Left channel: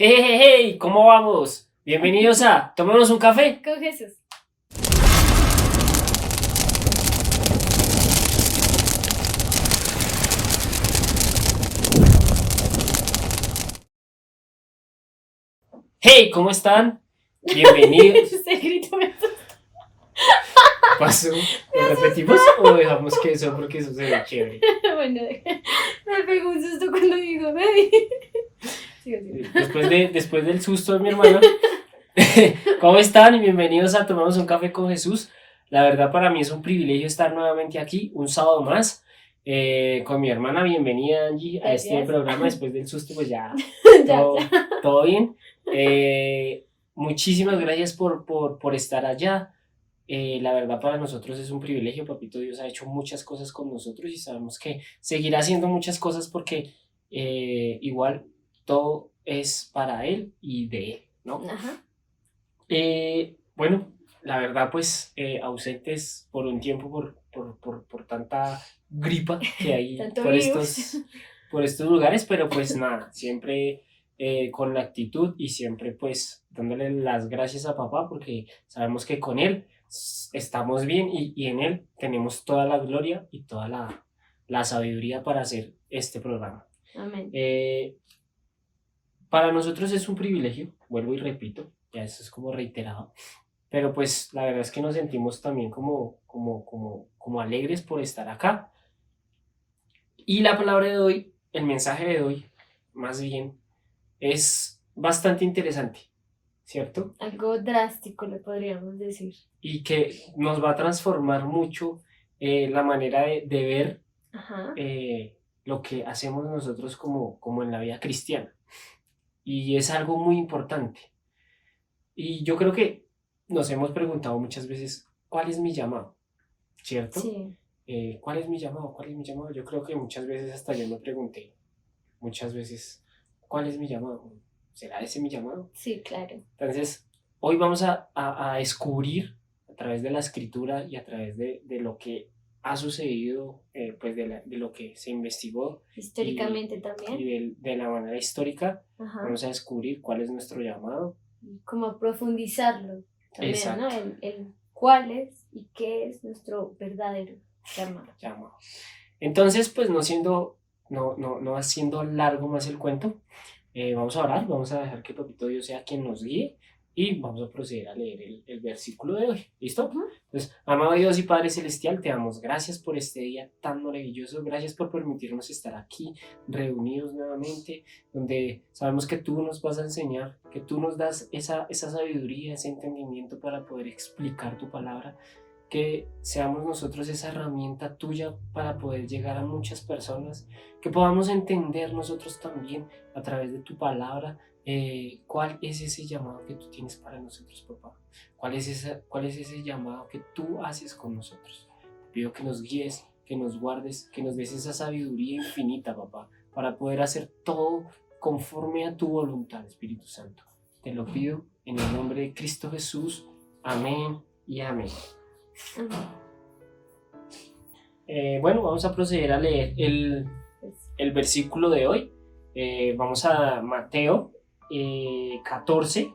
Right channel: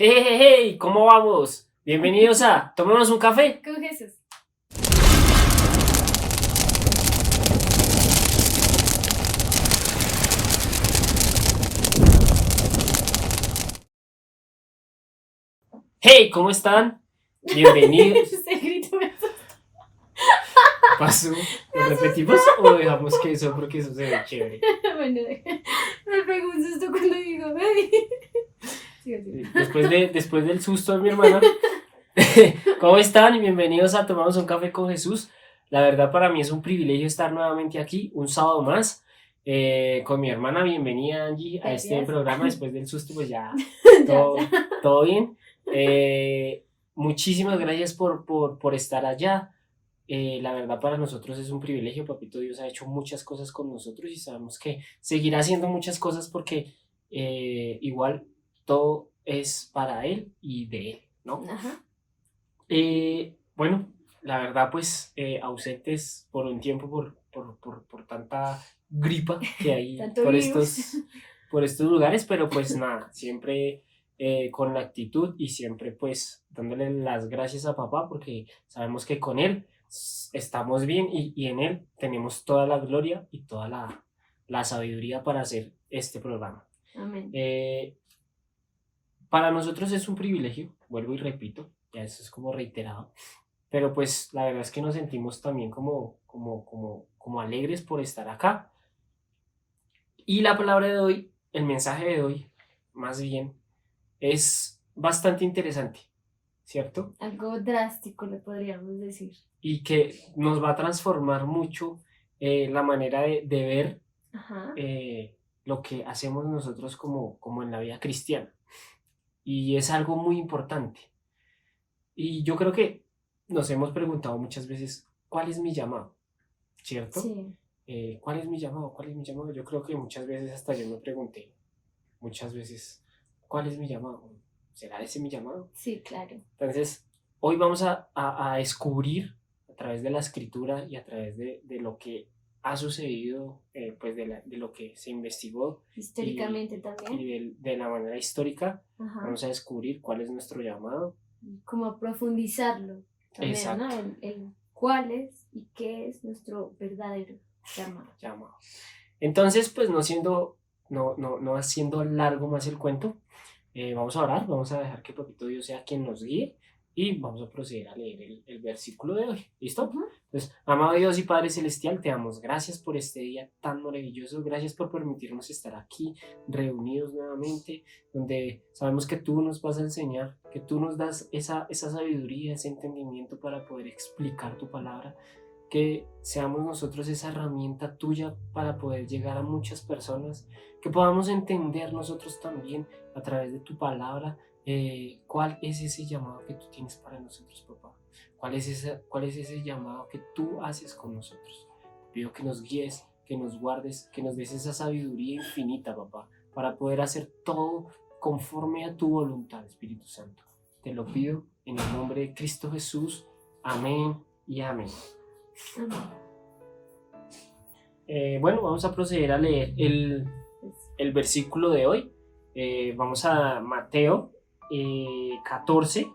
Hey, hey, hey, ¿cómo vamos? Bienvenidos a Tomémonos un café. Con Jesús. Hey, ¿cómo están? Bienvenidos. Ese grito me asustó. ¿Pasó? ¿Lo repetimos o dejamos que eso porque eso se ve chévere? Bueno, me pegó un susto cuando dijo, Baby. Sigo. Después del susto de mi hermana. ¿Cómo están? Bienvenidos a Tomamos un café con Jesús. La verdad para mí es un privilegio estar nuevamente aquí, un sábado más, con mi hermana. Bienvenida, Angie, a este Gracias. programa. Después del susto, pues ya Ya. todo bien. Muchísimas gracias por estar allá. La verdad para nosotros es un privilegio. Papito Dios ha hecho muchas cosas con nosotros y sabemos que seguirá haciendo muchas cosas porque igual todo es para Él y de Él, ¿no? Ajá. Bueno, la verdad pues ausentes por un tiempo por tanta gripa que hay Tanto por virus. estos lugares, pero pues nada, siempre con la actitud y siempre pues dándole las gracias a papá porque sabemos que con él estamos bien y en él tenemos toda la gloria y toda la sabiduría para hacer este programa. Amén. Para nosotros es un privilegio, vuelvo y repito, ya eso es como reiterado, pero pues la verdad es que nos sentimos también como alegres por estar acá. Y la palabra de hoy, el mensaje de hoy, más bien, es bastante interesante, ¿cierto? Algo drástico le podríamos decir. Y que nos va a transformar mucho la manera de ver Ajá. lo que hacemos nosotros como en la vida cristiana. Y es algo muy importante. Y yo creo que nos hemos preguntado muchas veces, ¿cuál es mi llamado? ¿Cierto? Sí. ¿Cuál es mi llamado? ¿Cuál es mi llamado? Yo creo que muchas veces hasta yo me pregunté, muchas veces, ¿cuál es mi llamado? ¿Será ese mi llamado? Sí, claro. Entonces, hoy vamos a descubrir a través de la escritura y a través de lo que ha sucedido, pues de lo que se investigó Históricamente también. y de la manera histórica, Ajá. vamos a descubrir cuál es nuestro llamado. Como profundizarlo también, Exacto. ¿no? El cuál es y qué es nuestro verdadero llamado. Entonces, pues no haciendo largo más el cuento, vamos a orar, vamos a dejar que Papito Dios sea quien nos guíe y vamos a proceder a leer el versículo de hoy. ¿Listo? Ujú. Entonces, amado Dios y Padre Celestial, te damos gracias por este día tan maravilloso, gracias por permitirnos estar aquí reunidos nuevamente, donde sabemos que tú nos vas a enseñar, que tú nos das esa sabiduría, ese entendimiento para poder explicar tu palabra, que seamos nosotros esa herramienta tuya para poder llegar a muchas personas, que podamos entender nosotros también a través de tu palabra cuál es ese llamado que tú tienes para nosotros, papá. ¿Cuál es ese llamado que tú haces con nosotros? Te pido que nos guíes, que nos guardes, que nos des esa sabiduría infinita, papá, para poder hacer todo conforme a tu voluntad, Espíritu Santo. Te lo pido en el nombre de Cristo Jesús. Amén y amén. Bueno, vamos a proceder a leer el versículo de hoy. Vamos a Mateo 14,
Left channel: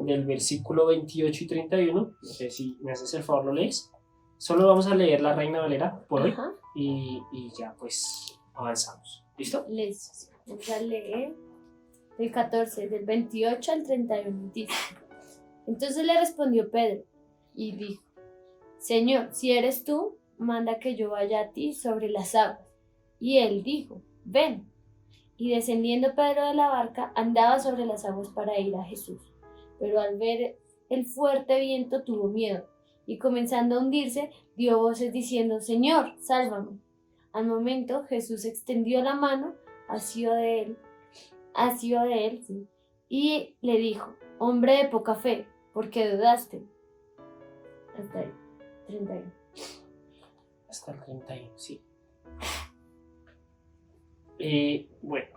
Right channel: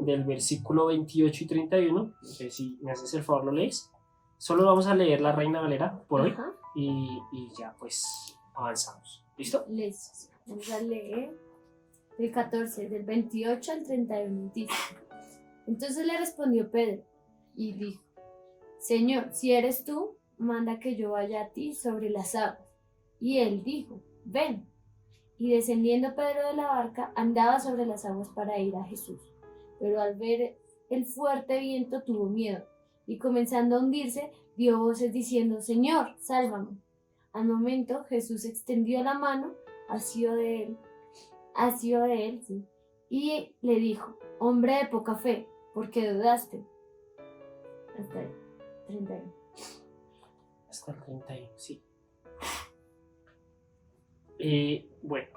del versículo 28 y 31. No sé si me haces el favor, lo lees. Solo vamos a leer la Reina Valera por hoy y ya pues avanzamos. ¿Listo? Listo. Vamos a leer del 14, del 28 al 31. Dice: Entonces le respondió Pedro y dijo: Señor, si eres tú, manda que yo vaya a ti sobre las aguas. Y él dijo: Ven. Y descendiendo Pedro de la barca, andaba sobre las aguas para ir a Jesús. Pero al ver el fuerte viento tuvo miedo, y comenzando a hundirse, dio voces diciendo: Señor, sálvame. Al momento Jesús extendió la mano, asió de él, sí, y le dijo: Hombre de poca fe, ¿por qué dudaste? Hasta ahí. 31. Hasta el 31, sí. Bueno,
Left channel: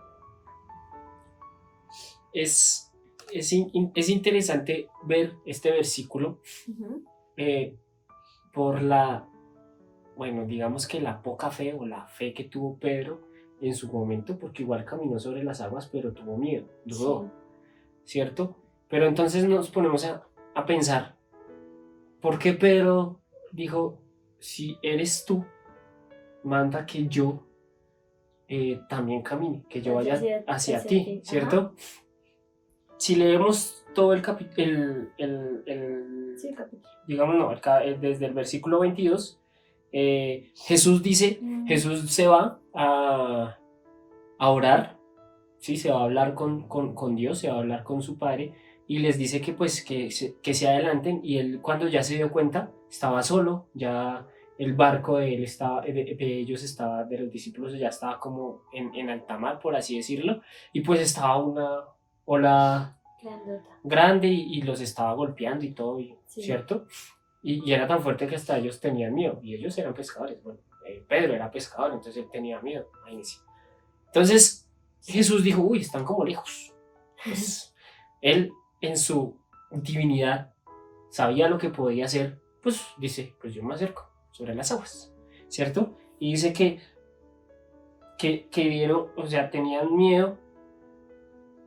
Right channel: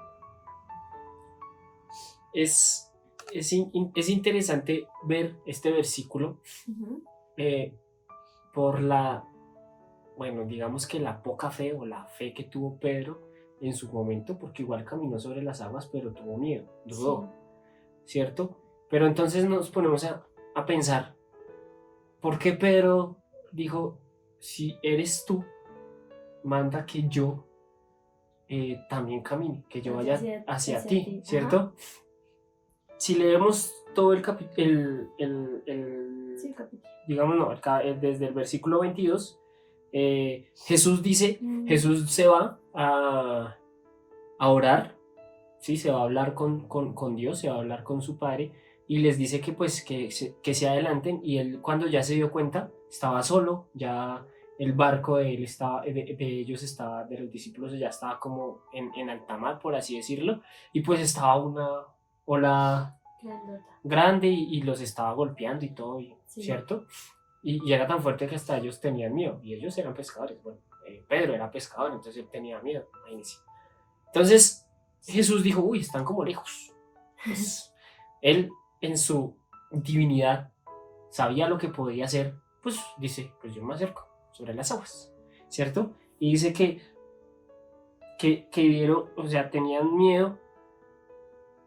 es interesante ver este versículo por bueno, digamos que la poca fe o la fe que tuvo Pedro en su momento, porque igual caminó sobre las aguas, pero tuvo miedo, dudó. Sí. ¿cierto? Pero entonces nos ponemos a pensar, ¿por qué Pedro dijo, si eres tú, manda que yo también camine, que yo vaya hacia ti, ¿cierto? Si leemos todo el capítulo, Sí, capítulo. digamos, no, desde el versículo 22, Jesús dice, Jesús se va a orar, ¿sí? Se va a hablar con Dios, se va a hablar con su Padre, y les dice que pues que se adelanten, y él cuando ya se dio cuenta, estaba solo, ya el barco de él estaba, de ellos estaba, de los discípulos ya estaba como en alta mar, por así decirlo, y pues estaba una ola grande y los estaba golpeando y todo, Sí. ¿cierto? Y era tan fuerte que hasta ellos tenían miedo, y ellos eran pescadores, bueno, Pedro era pescador, entonces él tenía miedo, imagínense. Entonces Jesús dijo, uy, están como lejos. Pues, él en su divinidad sabía lo que podía hacer, pues dice, pues yo me acerco sobre las aguas, ¿cierto? Y dice que vieron, o sea, tenían miedo,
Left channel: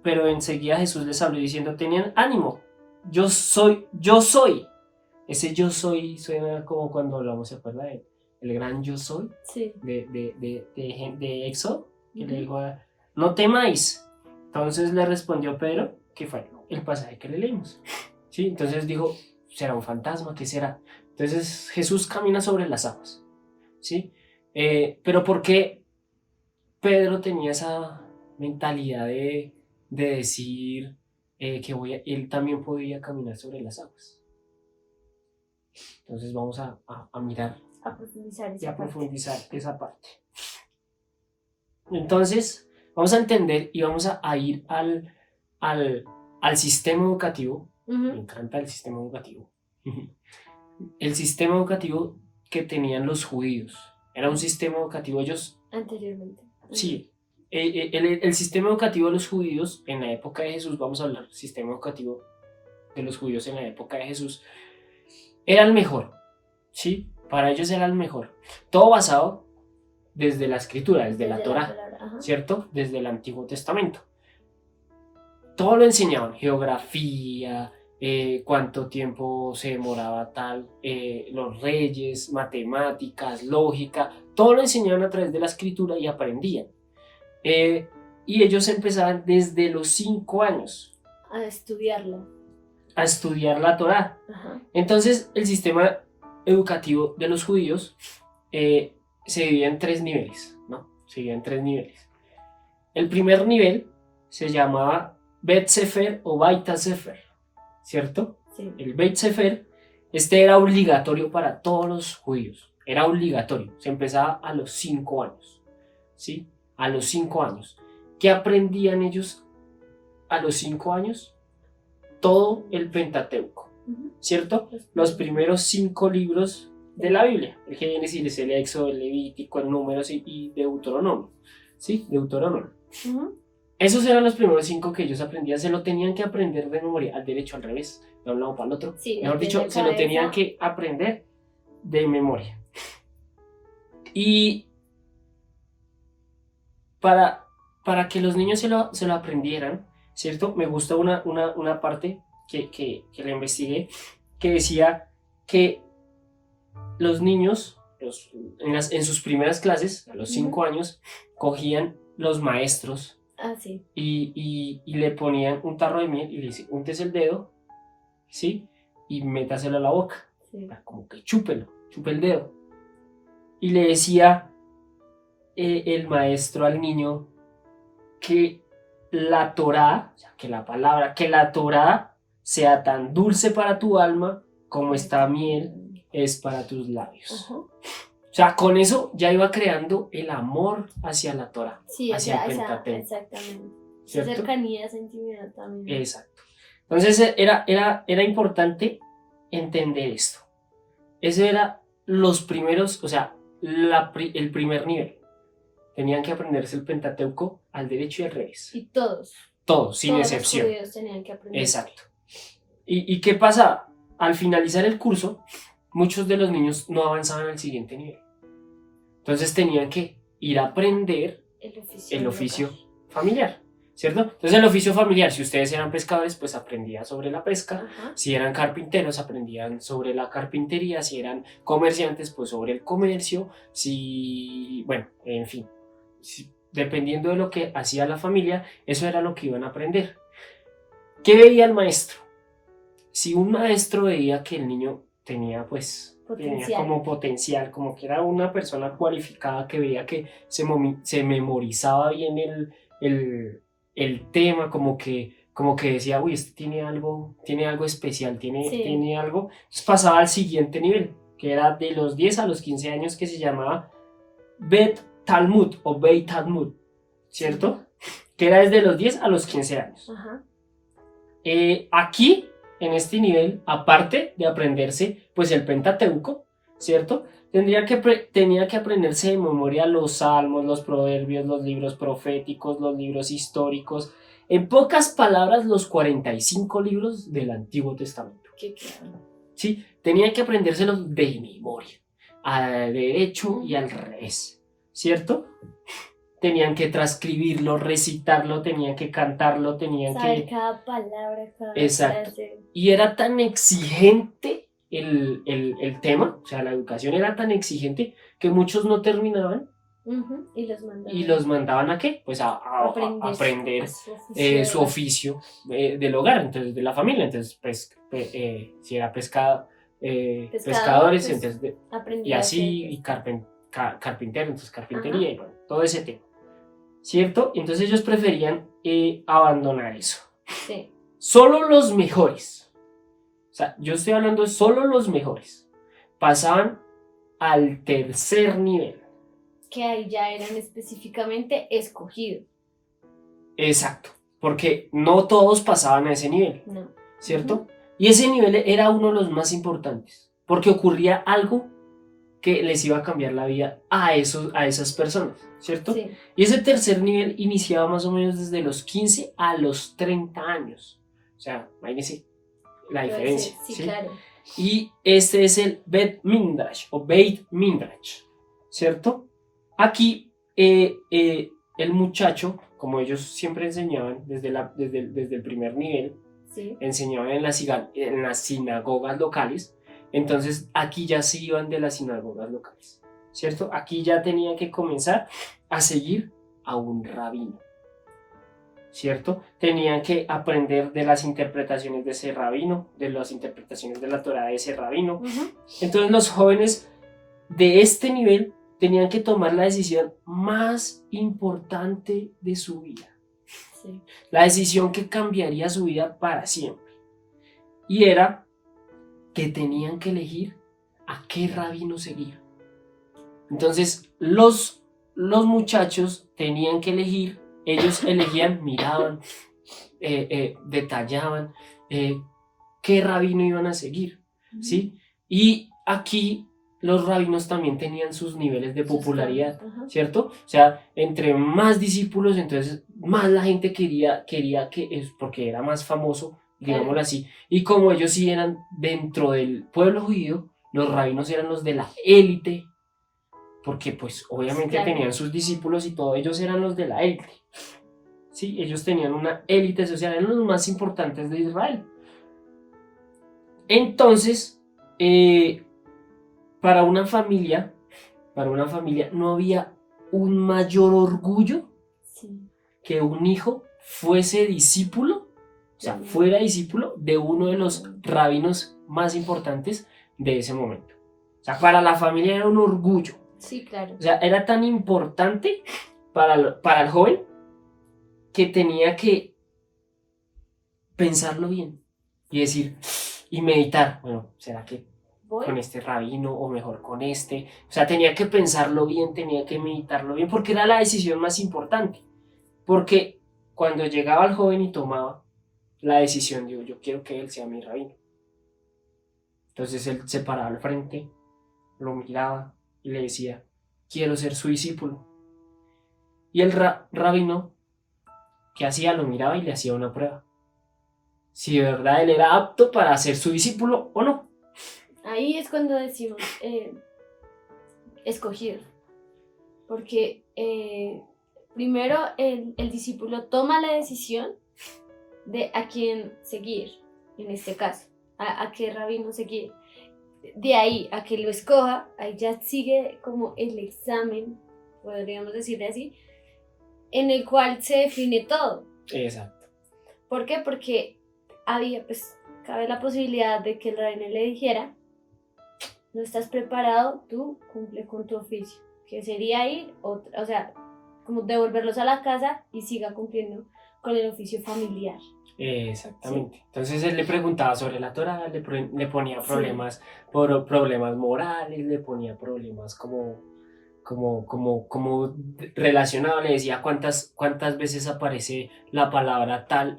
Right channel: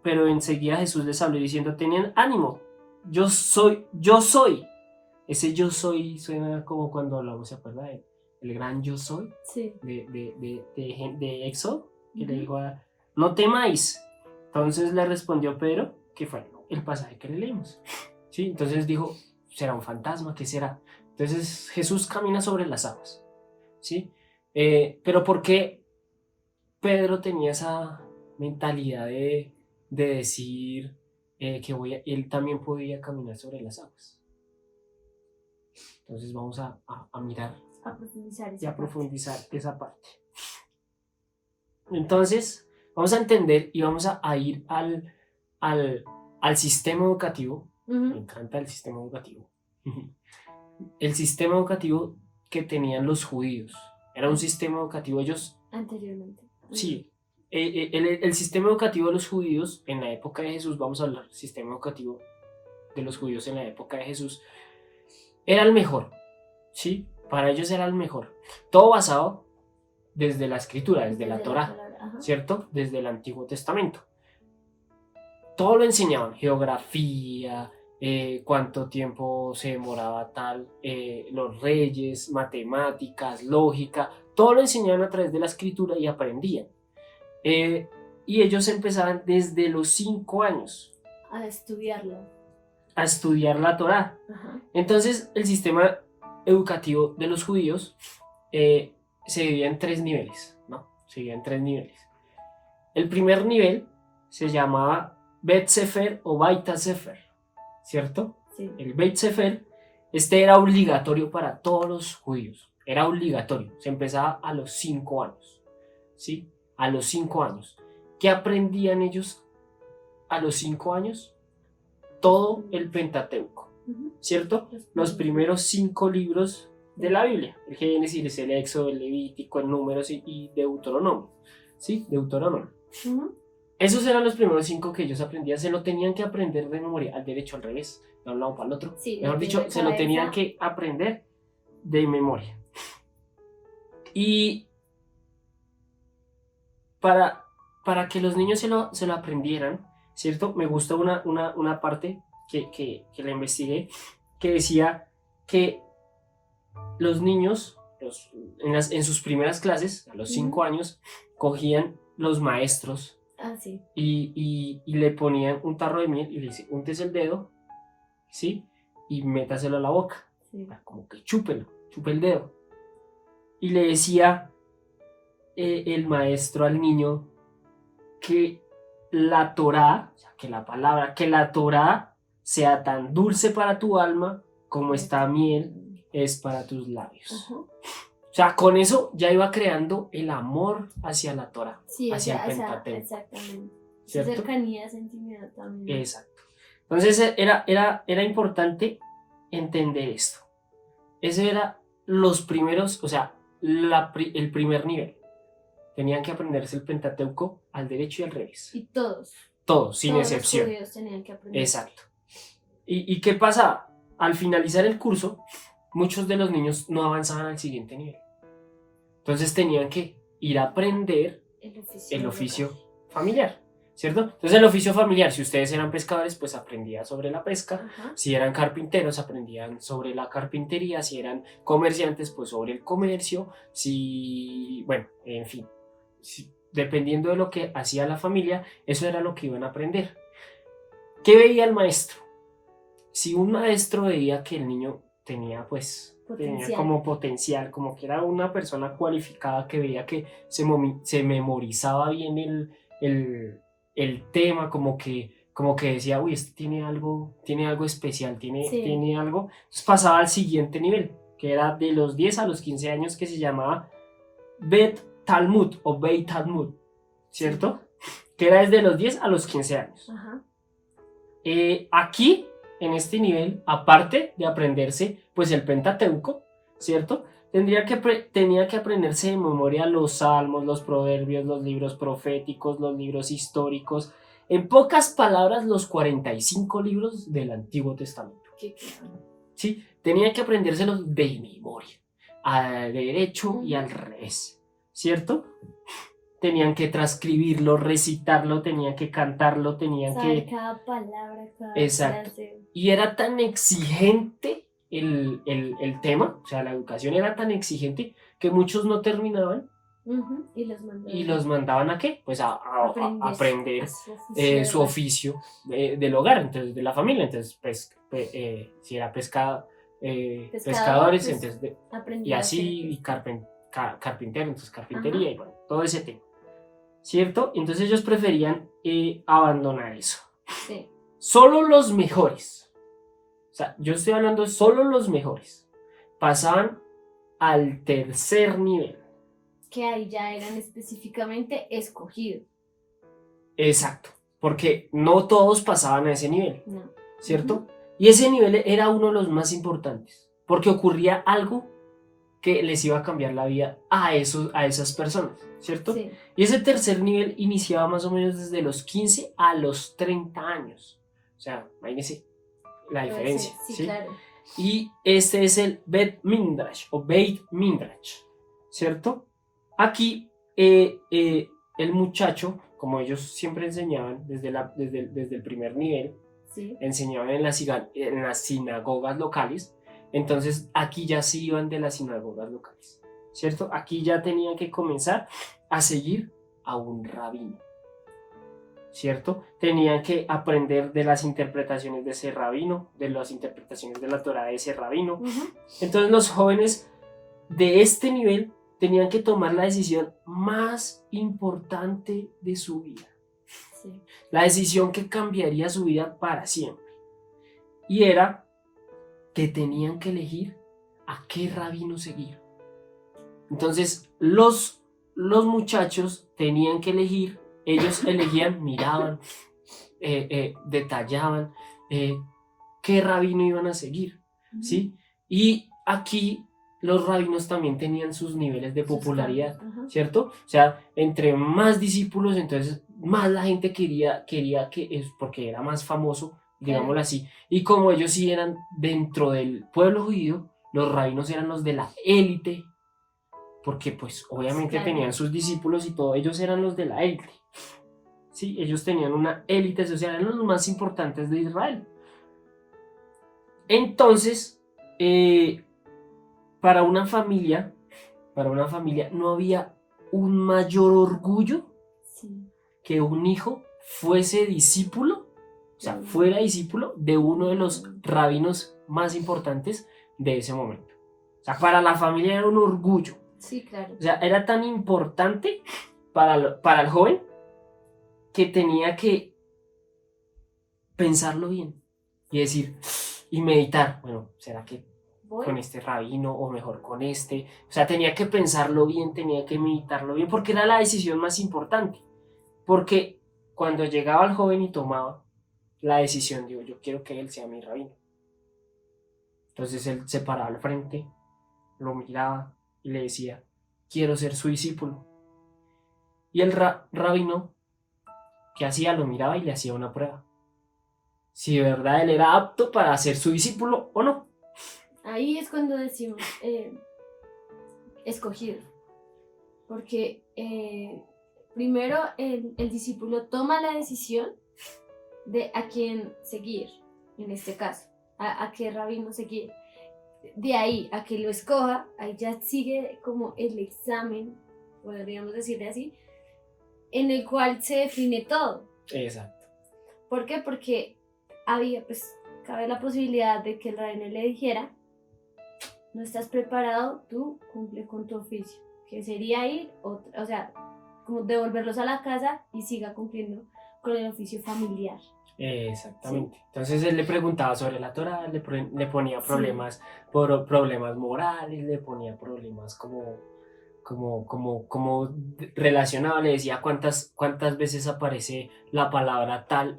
pero enseguida Jesús les habló diciendo, tenían ánimo, yo soy. Ese yo soy suena como cuando hablamos, ¿se acuerda de el gran yo soy? Sí. De Éxodo, que le dijo, no temáis. Entonces le respondió Pedro, que fue el pasaje que le leímos, ¿sí? Entonces dijo, ¿será un fantasma? ¿Qué será? Entonces Jesús camina sobre las aguas, ¿sí? Pero ¿por qué Pedro tenía esa mentalidad de decir que él también podía caminar sobre las aguas? Entonces vamos a mirar y a profundizar esa parte. Entonces vamos a entender y vamos a ir al sistema educativo. Me encanta el sistema educativo. El sistema educativo que tenían los judíos. Era un sistema educativo, ellos... Anteriormente. Sí. El sistema educativo de los judíos en la época de Jesús, vamos a hablar del sistema educativo de los judíos en la época de Jesús, era el mejor, ¿sí? Para ellos era el mejor. Todo basado desde la escritura, desde la Torá, ¿cierto? Desde el Antiguo Testamento. Todo lo enseñaban, geografía, cuánto tiempo se demoraba tal, los reyes, matemáticas, lógica, todo lo enseñaban a través de la escritura y aprendían. Y ellos empezaban desde los 5 años a estudiarla. A estudiar la Torá. Entonces el sistema educativo de los judíos se divide en 3 niveles, ¿no? Se divide en 3 niveles. El primer nivel se llamaba Bet Sefer o Baita Sefer, ¿cierto? Sí. El Beit Sefer, era obligatorio para todos los judíos, era obligatorio, se empezaba a los 5 años, ¿sí? A los 5 años. ¿Qué aprendían ellos a los 5 años? Todo el Pentateuco, ¿cierto? Los primeros 5 libros de la Biblia, el Génesis, el Éxodo, el Levítico, el Números y Deuteronomio, ¿sí? Deuteronomio. Esos eran los primeros 5 que ellos aprendían, se lo tenían que aprender de memoria, al derecho, al revés, de un lado para el otro. Sí, mejor dicho, se lo tenían que aprender de memoria. Y para que los niños se lo aprendieran, ¿cierto? Me gusta una parte que la investigué, que decía que los niños en sus primeras clases, a los 5 años, cogían los maestros y le ponían un tarro de miel y le decían, úntese el dedo, ¿sí? Y métaselo a la boca, como que chúpelo, chupe el dedo. Y le decía el maestro al niño que la Torá, o sea, que la Torá sea tan dulce para tu alma como esta miel es para tus labios. O sea, con eso ya iba creando el amor hacia la Torá, hacia el Pentateuco. Exactamente. Esa cercanía, esa intimidad también. Exacto. Entonces era importante entender esto. Ese era los primeros, o sea, el primer nivel. Tenían que aprenderse el Pentateuco al derecho y al revés. Y todos, sin excepción. Los judíos tenían que aprender. Exacto. ¿Y qué pasaba? Al finalizar el curso, muchos de los niños no avanzaban al siguiente nivel. Entonces tenían que ir a aprender el oficio familiar. ¿cierto? Entonces el oficio familiar, si ustedes eran pescadores, pues aprendían sobre la pesca, Ajá. si eran carpinteros, aprendían sobre la carpintería, si eran comerciantes, pues sobre el comercio, si, bueno, en fin, dependiendo de lo que hacía la familia, eso era lo que iban a aprender. ¿Qué veía el maestro? Si un maestro veía que el niño tenía, pues, tenía Potencial. como potencial, como que era una persona cualificada, que veía que se memorizaba bien el tema, como que decía, uy, este tiene algo especial, Sí. tiene algo. Entonces pasaba al siguiente nivel, que era de los 10 a los 15 años, que se llamaba Bet Talmud o Beit Talmud, ¿cierto? Que era desde los 10 a los 15 años. Ajá. Aquí, en este nivel, aparte de aprenderse pues el Pentateuco, ¿cierto? Tenía que aprenderse de memoria los salmos, los proverbios, los libros proféticos, los libros históricos. En pocas palabras, los 45 libros del Antiguo Testamento. Qué claro. ¿Sí? Tenía que aprendérselos de memoria, al derecho y al revés, ¿cierto? Tenían que transcribirlo, recitarlo, tenían que cantarlo, tenían Saber que... cada palabra, cada Exacto. frase. Y era tan exigente el tema, o sea, la educación era tan exigente que muchos no terminaban. Ujú. Y los mandaban. ¿Y los mandaban a qué? Pues a aprender su oficio del hogar, entonces de la familia. Entonces, pues, si era pescadores, pues, entonces aprendía y así, y carpintero, entonces carpintería. Ajá. Y bueno, todo ese tema, ¿cierto? Entonces ellos preferían abandonar eso. Sí. Solo los mejores, o sea, yo estoy hablando de solo los mejores, pasaban al tercer nivel. Que ahí ya eran específicamente escogidos. Exacto, porque no todos pasaban a ese nivel, no. ¿cierto? Uh-huh. Y ese nivel era uno de los más importantes, porque ocurría algo que les iba a cambiar la vida a esas personas, ¿cierto? Sí. Y ese tercer nivel iniciaba más o menos desde los 15 a los 30 años. O sea, imagínense la diferencia. Sí, claro. Y este es el Beit Midrash o Beit Midrash, ¿cierto? Aquí el muchacho, como ellos siempre enseñaban desde el primer nivel, sí. enseñaban en las sinagogas locales. Entonces aquí ya se iban de las sinagogas locales, ¿cierto? Aquí ya tenían que comenzar a seguir a un rabino, ¿cierto? Tenían que aprender de las interpretaciones de ese rabino, de las interpretaciones de la Torá de ese rabino. Uh-huh. Entonces los jóvenes de este nivel tenían que tomar la decisión más importante de su vida. Sí. La decisión que cambiaría su vida para siempre. Y era que tenían que elegir a qué rabino seguir. Entonces los muchachos tenían que elegir, ellos elegían, miraban, detallaban qué rabino iban a seguir, ¿sí? Y aquí los rabinos también tenían sus niveles de popularidad, ¿cierto? O sea, entre más discípulos, entonces más la gente quería que es porque era más famoso, digámoslo así. Y como ellos sí eran dentro del pueblo judío, los rabinos eran los de la élite, porque pues obviamente tenían sus discípulos y todos ellos eran los de la élite. Sí, ellos tenían una élite social, eran los más importantes de Israel. Entonces, para una familia no había un mayor orgullo que un hijo fuese discípulo, o sea, fuera discípulo de uno de los rabinos más importantes de ese momento. O sea, para la familia era un orgullo. Sí, claro. O sea, era tan importante para el joven que tenía que pensarlo bien y decir, y meditar, bueno, ¿será que con este rabino o mejor con este? O sea, tenía que pensarlo bien, tenía que meditarlo bien, porque era la decisión más importante. Porque cuando llegaba el joven y tomaba la decisión, digo, yo quiero que él sea mi rabino. Entonces él se paraba al frente, lo miraba y le decía, quiero ser su discípulo. Y el rabino, ¿qué hacía? Lo miraba y le hacía una prueba. Si de verdad él era apto para ser su discípulo o no. Ahí es cuando decimos escogido. Porque primero el discípulo toma la decisión de a quién seguir, en este caso, a qué rabino seguir. De ahí a que lo escoja, ahí ya sigue como el examen, podríamos decirle así, en el cual se define todo. Exacto. ¿Por qué? Porque había, pues, cabe la posibilidad de que el rabino le dijera, no estás preparado, tú cumple con tu oficio, que sería ir, o sea, como devolverlos a la casa y siga cumpliendo con el oficio familiar. Exactamente. Entonces él le preguntaba sobre la Torá, le ponía Sí. problemas, problemas morales, le ponía problemas como relacionado, le decía cuántas veces aparece la palabra tal,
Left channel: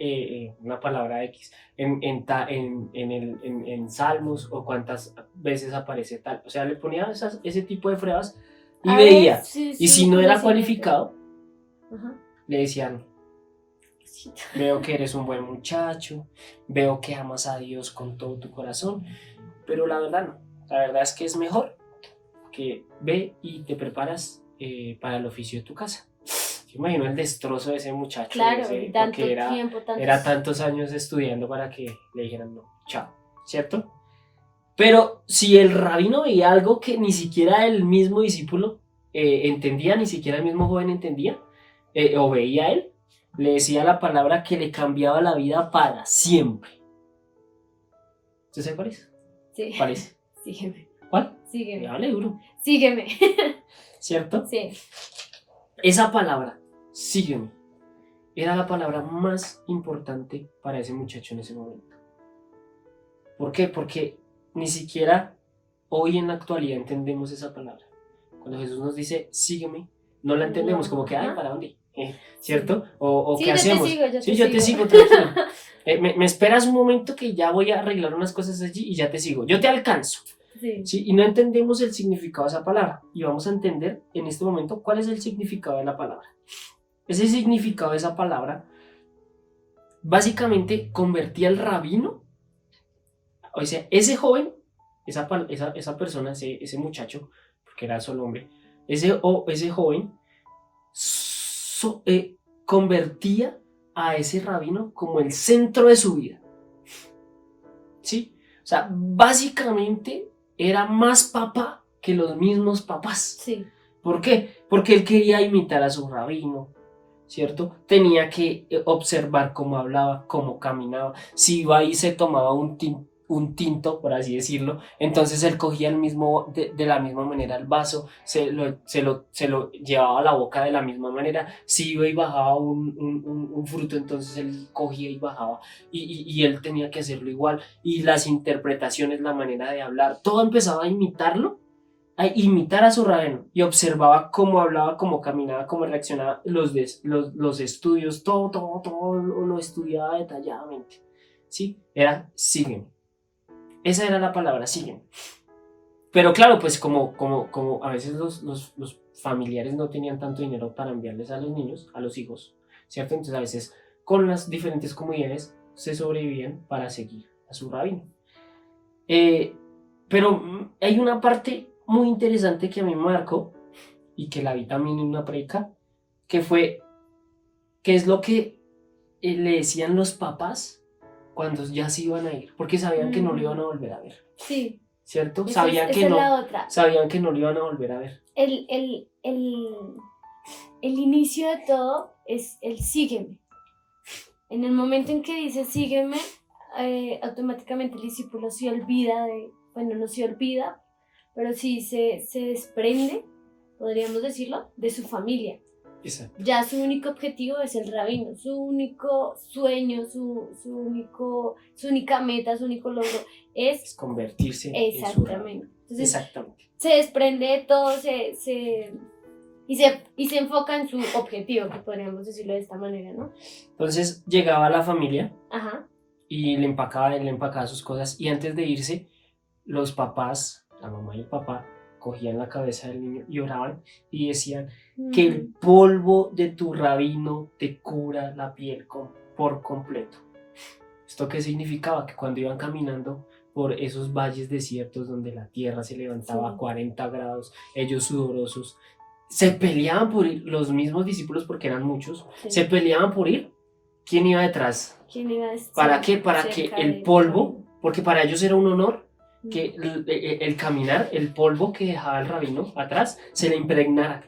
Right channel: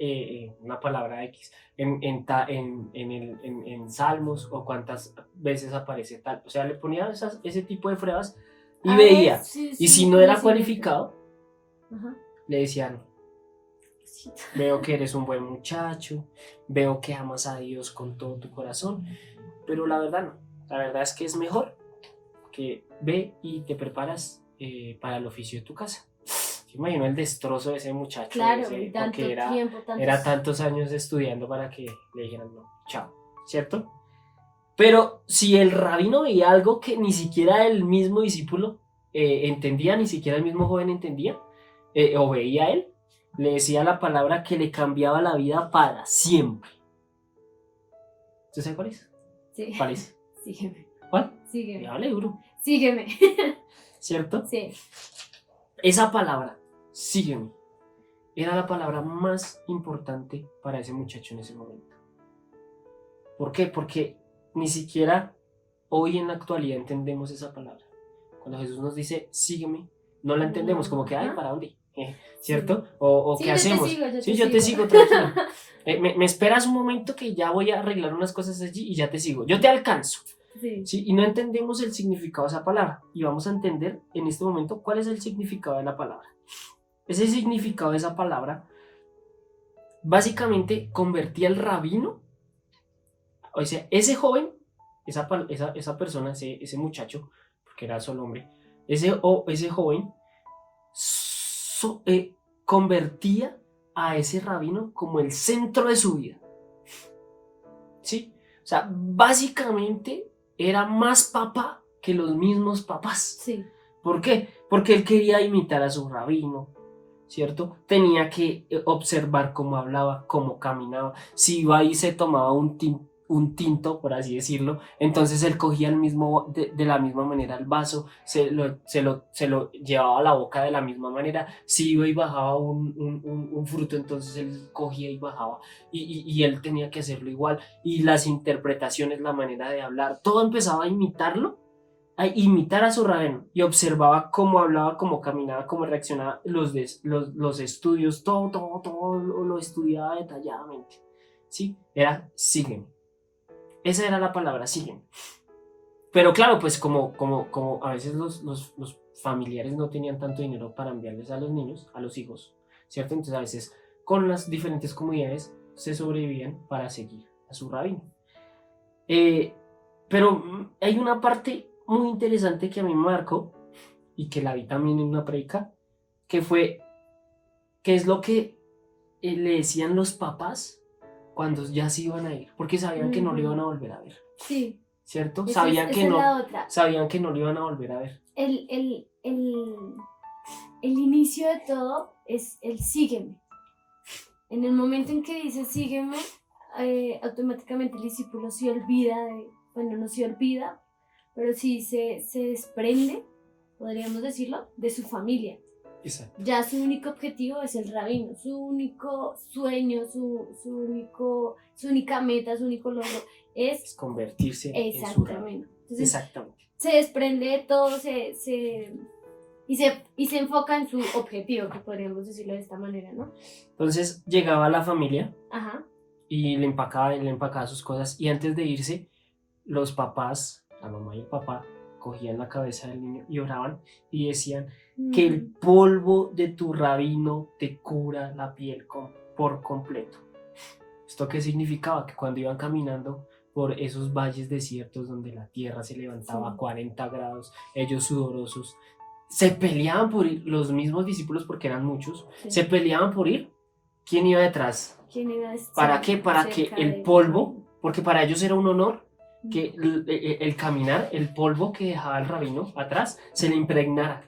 una palabra X en Salmos, o cuántas veces aparece tal. O sea, le ponía ese tipo de pruebas y A veía. ver, sí, Y sí, si no era conocimiento. cualificado, Ajá. le decían, Sí. veo que eres un buen muchacho, veo que amas a Dios con todo tu corazón, pero la verdad no. La verdad es que es mejor que ve y te preparas para el oficio de tu casa. Yo imagino el destrozo de ese muchacho, Claro, y tanto porque tiempo, era tantos años estudiando para que le dijeran no, chao, ¿cierto? Pero si el rabino veía algo que ni siquiera el mismo discípulo entendía, ni siquiera el mismo joven entendía, o veía él, le decía la palabra que le cambiaba la vida para siempre. ¿Usted sabe cuál es? Sí. ¿Cuál es? Sígueme. ¿Cuál? Sígueme. Hable duro. Sígueme. ¿Cierto? Sí. Esa palabra, sígueme, era la palabra más importante para ese muchacho en ese momento. ¿Por qué? Porque ni siquiera hoy en la actualidad entendemos esa palabra. Cuando Jesús nos dice, sígueme, no la entendemos, No, como que, ay, ajá. ¿para dónde? ¿Cierto? Sí. O Sí, ¿qué yo te hacemos? sigo, yo Sí, te yo te sigo. sigo, tranquilo. Me esperas un momento que ya voy a arreglar unas cosas allí y ya te sigo. Yo te alcanzo. Sí. ¿Sí? Y no entendemos el significado de esa palabra. Y vamos a entender en este momento cuál es el significado de la palabra. Ese significado de esa palabra básicamente convertía al rabino, o sea, ese joven, esa persona, ese muchacho, porque era solo hombre, ese joven convertía a ese rabino como el centro de su vida. ¿Sí? O sea, básicamente era más papá que los mismos papás. Sí. ¿Por qué? Porque él quería imitar a su rabino, ¿cierto? Tenía que observar cómo hablaba, cómo caminaba. Si iba y se tomaba un tinto, por así decirlo, entonces él cogía de la misma manera el vaso, se lo llevaba a la boca de la misma manera. Si iba y bajaba un fruto, entonces él cogía y bajaba, y él tenía que hacerlo igual. Y las interpretaciones, la manera de hablar, todo empezaba a imitarlo, a imitar a su rabino, y observaba cómo hablaba, cómo caminaba, cómo reaccionaba, los estudios, todo lo estudiaba detalladamente. ¿Sí? Era sígueme. Esa era la palabra, sígueme. Pero claro, pues como a veces los familiares no tenían tanto dinero para enviarles a los niños, a los hijos, ¿cierto? Entonces a veces con las diferentes comunidades se sobrevivían para seguir a su rabino. Pero hay una parte muy interesante que a mí me marcó y que la vi también en una predica, que es lo que le decían los papás cuando ya se iban a ir, porque sabían que no lo iban a volver a ver. Sí. ¿Cierto? Esa es la otra. Sabían que no lo iban a volver a ver. El inicio de todo es el sígueme. En el momento en que dice sígueme, automáticamente el discípulo se olvida no se olvida, pero sí se desprende, podríamos decirlo, de su familia. Exacto. Ya su único objetivo es el rabino, su único sueño, su única meta, su único logro es convertirse en su rabino. Entonces, exactamente. Se desprende de todo, y se enfoca en su objetivo, que podríamos decirlo de esta manera, ¿no? Entonces llegaba la familia. Ajá. Y le empacaba sus cosas, y antes de irse, los papás, la mamá y el papá, cogían la cabeza del niño y oraban y decían que el polvo de tu rabino te cura la piel por completo. ¿Esto qué significaba? Que cuando iban caminando por esos valles desiertos donde la tierra se levantaba a 40 grados, ellos sudorosos, se peleaban por ir, los mismos discípulos, porque eran muchos, Sí. se peleaban por ir. ¿Quién iba detrás? ¿Quién iba a estar ¿Para qué? Para que cerca el del polvo, rabino? porque para ellos era un honor Mm. que el caminar, el polvo que dejaba el rabino atrás, se le impregnara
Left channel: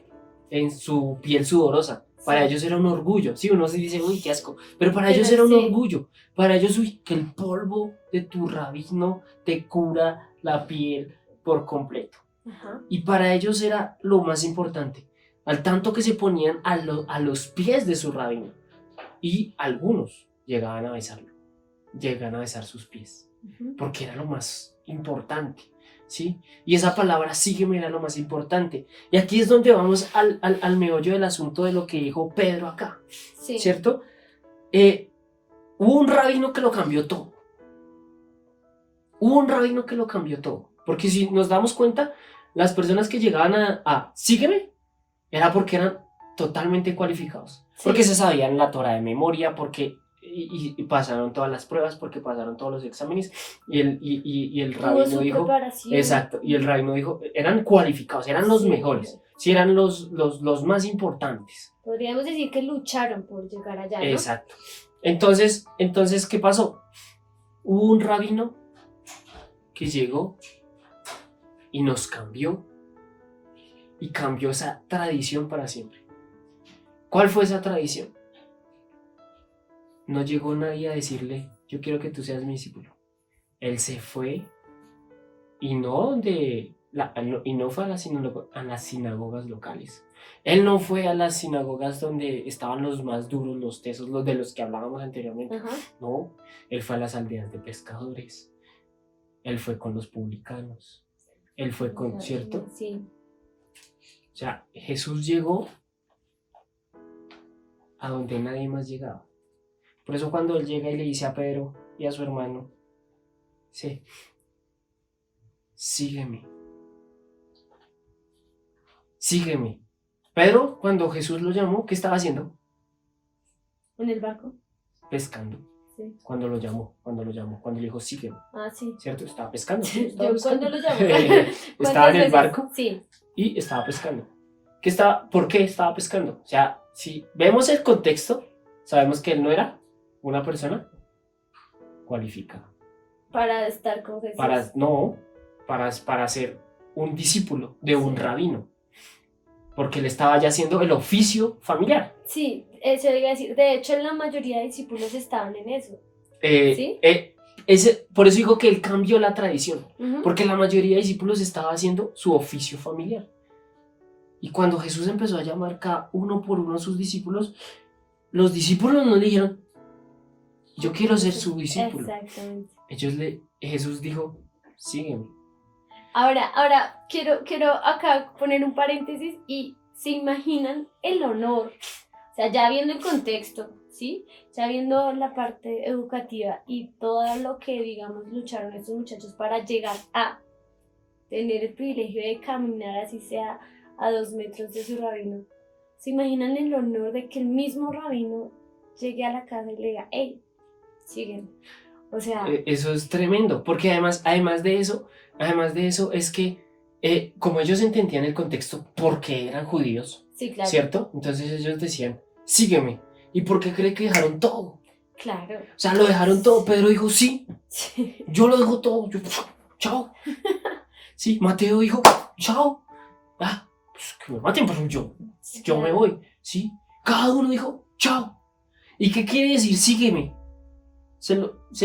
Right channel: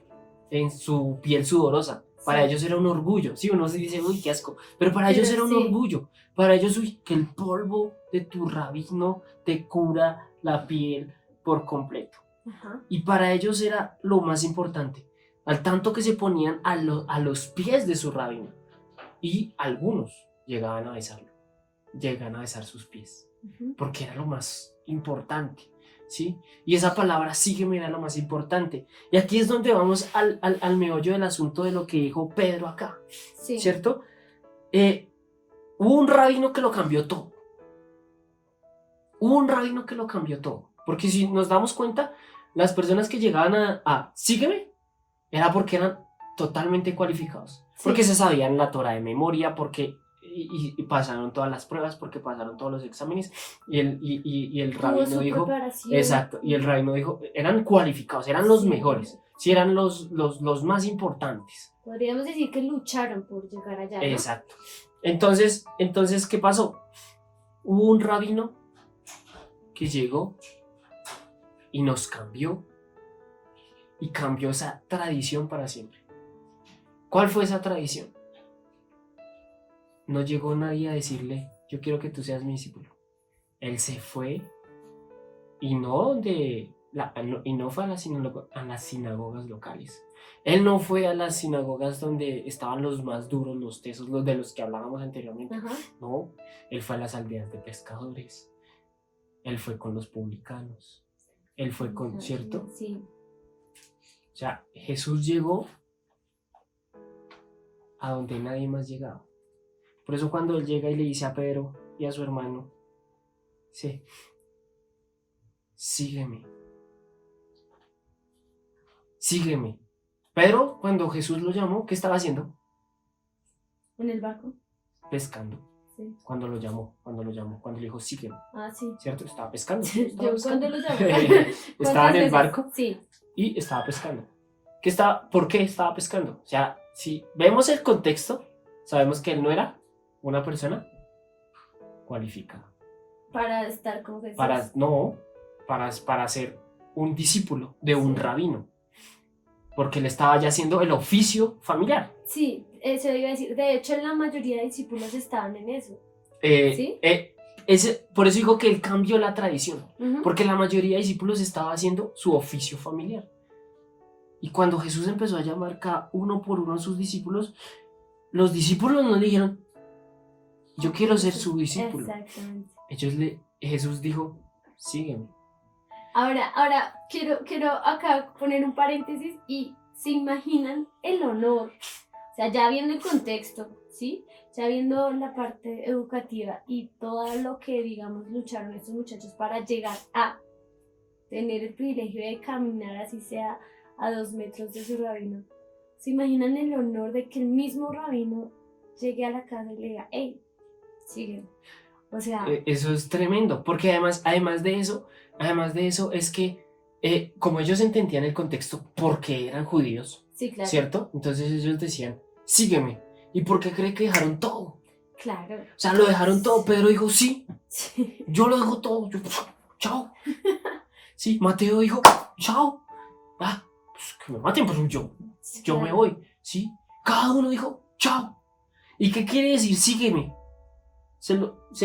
en su piel sudorosa. Para Sí. ellos era un orgullo. Sí, uno se dice, uy, qué asco. Pero para ellos Pero era un sí. orgullo. Para ellos, uy, que el polvo de tu rabino te cura la piel por completo. Ajá. Y para ellos era lo más importante. Al tanto que se ponían a los pies de su rabino. Y algunos llegaban a besarlo. Llegan a besar sus pies. Ujú. Porque era lo más importante. ¿Sí? Y esa palabra sígueme era lo más importante. Y aquí es donde vamos al meollo del asunto de lo que dijo Pedro acá. Sí. ¿Cierto? Hubo un rabino que lo cambió todo. Hubo un rabino que lo cambió todo. Porque si nos damos cuenta, las personas que llegaban a sígueme, era porque eran totalmente cualificados. Sí. Porque se sabían la Torah de memoria, porque y pasaron todas las pruebas, porque pasaron todos los exámenes. Y el Tuvo rabino su dijo, preparación. exacto, y el rabino dijo, eran cualificados, eran los Sí. mejores, sí, eran los más importantes. Podríamos decir que lucharon por llegar allá, ¿no? Exacto. Entonces, ¿qué pasó? Hubo un rabino que llegó y nos cambió, y cambió esa tradición para siempre. ¿Cuál fue esa tradición? No llegó nadie a decirle, yo quiero que tú seas mi discípulo. Él se fue y no fue a las sinagogas locales. Él no fue a las sinagogas donde estaban los más duros, los tesos, los de los que hablábamos anteriormente. Ajá. No, él fue a las aldeas de pescadores. Él fue con los publicanos. Él fue con, ¿cierto? Sí. O sea, Jesús llegó a donde nadie más llegaba. Por eso cuando él llega y le dice a Pedro y a su hermano, sí, sígueme. Sígueme. Pedro, cuando Jesús lo llamó, ¿qué estaba haciendo? ¿En el barco? Pescando. Sí. Cuando lo llamó, cuando le dijo, sígueme. Ah, sí. ¿Cierto? Estaba pescando. Yo Estaba pescando. cuando lo llamó. Estaba en el veces? barco Sí. y estaba pescando. ¿Por qué estaba pescando? O sea, si vemos el contexto, sabemos que él no era una persona cualificada. Para estar con Jesús. Para ser un discípulo de un Sí. rabino. Porque él estaba ya haciendo el oficio familiar. Sí, eso iba a decir. De hecho, la mayoría de discípulos estaban en eso. ¿Sí? Por eso digo que él cambió la tradición. Ujú. Porque la mayoría de discípulos estaba haciendo su oficio familiar. Y cuando Jesús empezó a llamar cada uno por uno a sus discípulos, los discípulos no le dijeron, yo quiero ser su discípulo. Exactamente. Jesús dijo, sígueme. Ahora quiero acá poner un paréntesis y se imaginan el honor, o sea, ya viendo el contexto, ¿sí? Ya viendo la parte educativa y todo lo que, digamos, lucharon estos muchachos para llegar a tener el privilegio de caminar así sea a 2 metros de su rabino. ¿Se imaginan el honor de que el mismo rabino llegue a la casa y le diga, hey, sígueme? O sea, Eso es tremendo, porque además de eso es que como ellos entendían el contexto porque eran judíos, sí, claro. ¿cierto? Entonces ellos decían, sígueme. ¿Y por qué cree que dejaron todo? Claro. O sea, lo dejaron todo. Pedro dijo, sí, Sí. yo lo dejo todo. Chao. Sí, Mateo dijo, chao. Pues que me maten, pero yo me voy. ¿Sí? Cada uno dijo, chao. ¿Y qué quiere decir sígueme? Se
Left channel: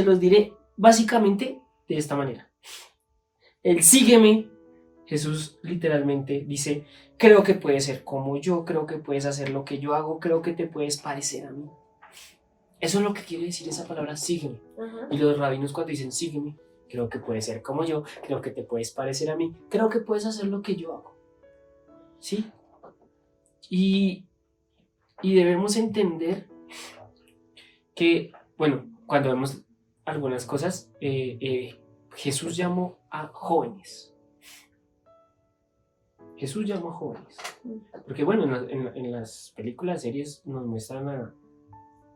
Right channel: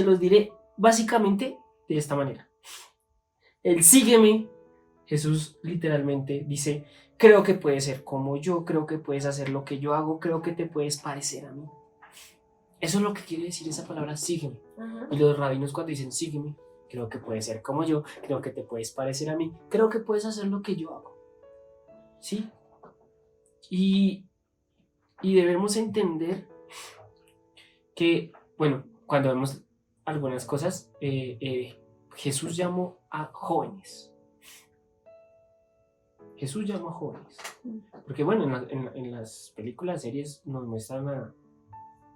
los diré básicamente de esta manera. El sígueme, Jesús literalmente dice, creo que puedes ser como yo, creo que puedes hacer lo que yo hago, creo que te puedes parecer a mí. Eso es lo que quiere decir esa palabra sígueme. Ajá. Y los rabinos cuando dicen sígueme, creo que puedes ser como yo, creo que te puedes parecer a mí, creo que puedes hacer lo que yo hago. ¿Sí? Y debemos entender que, bueno, cuando vemos algunas cosas, Jesús llamó a jóvenes. Jesús llamó a jóvenes. Porque bueno, en las películas, series nos muestran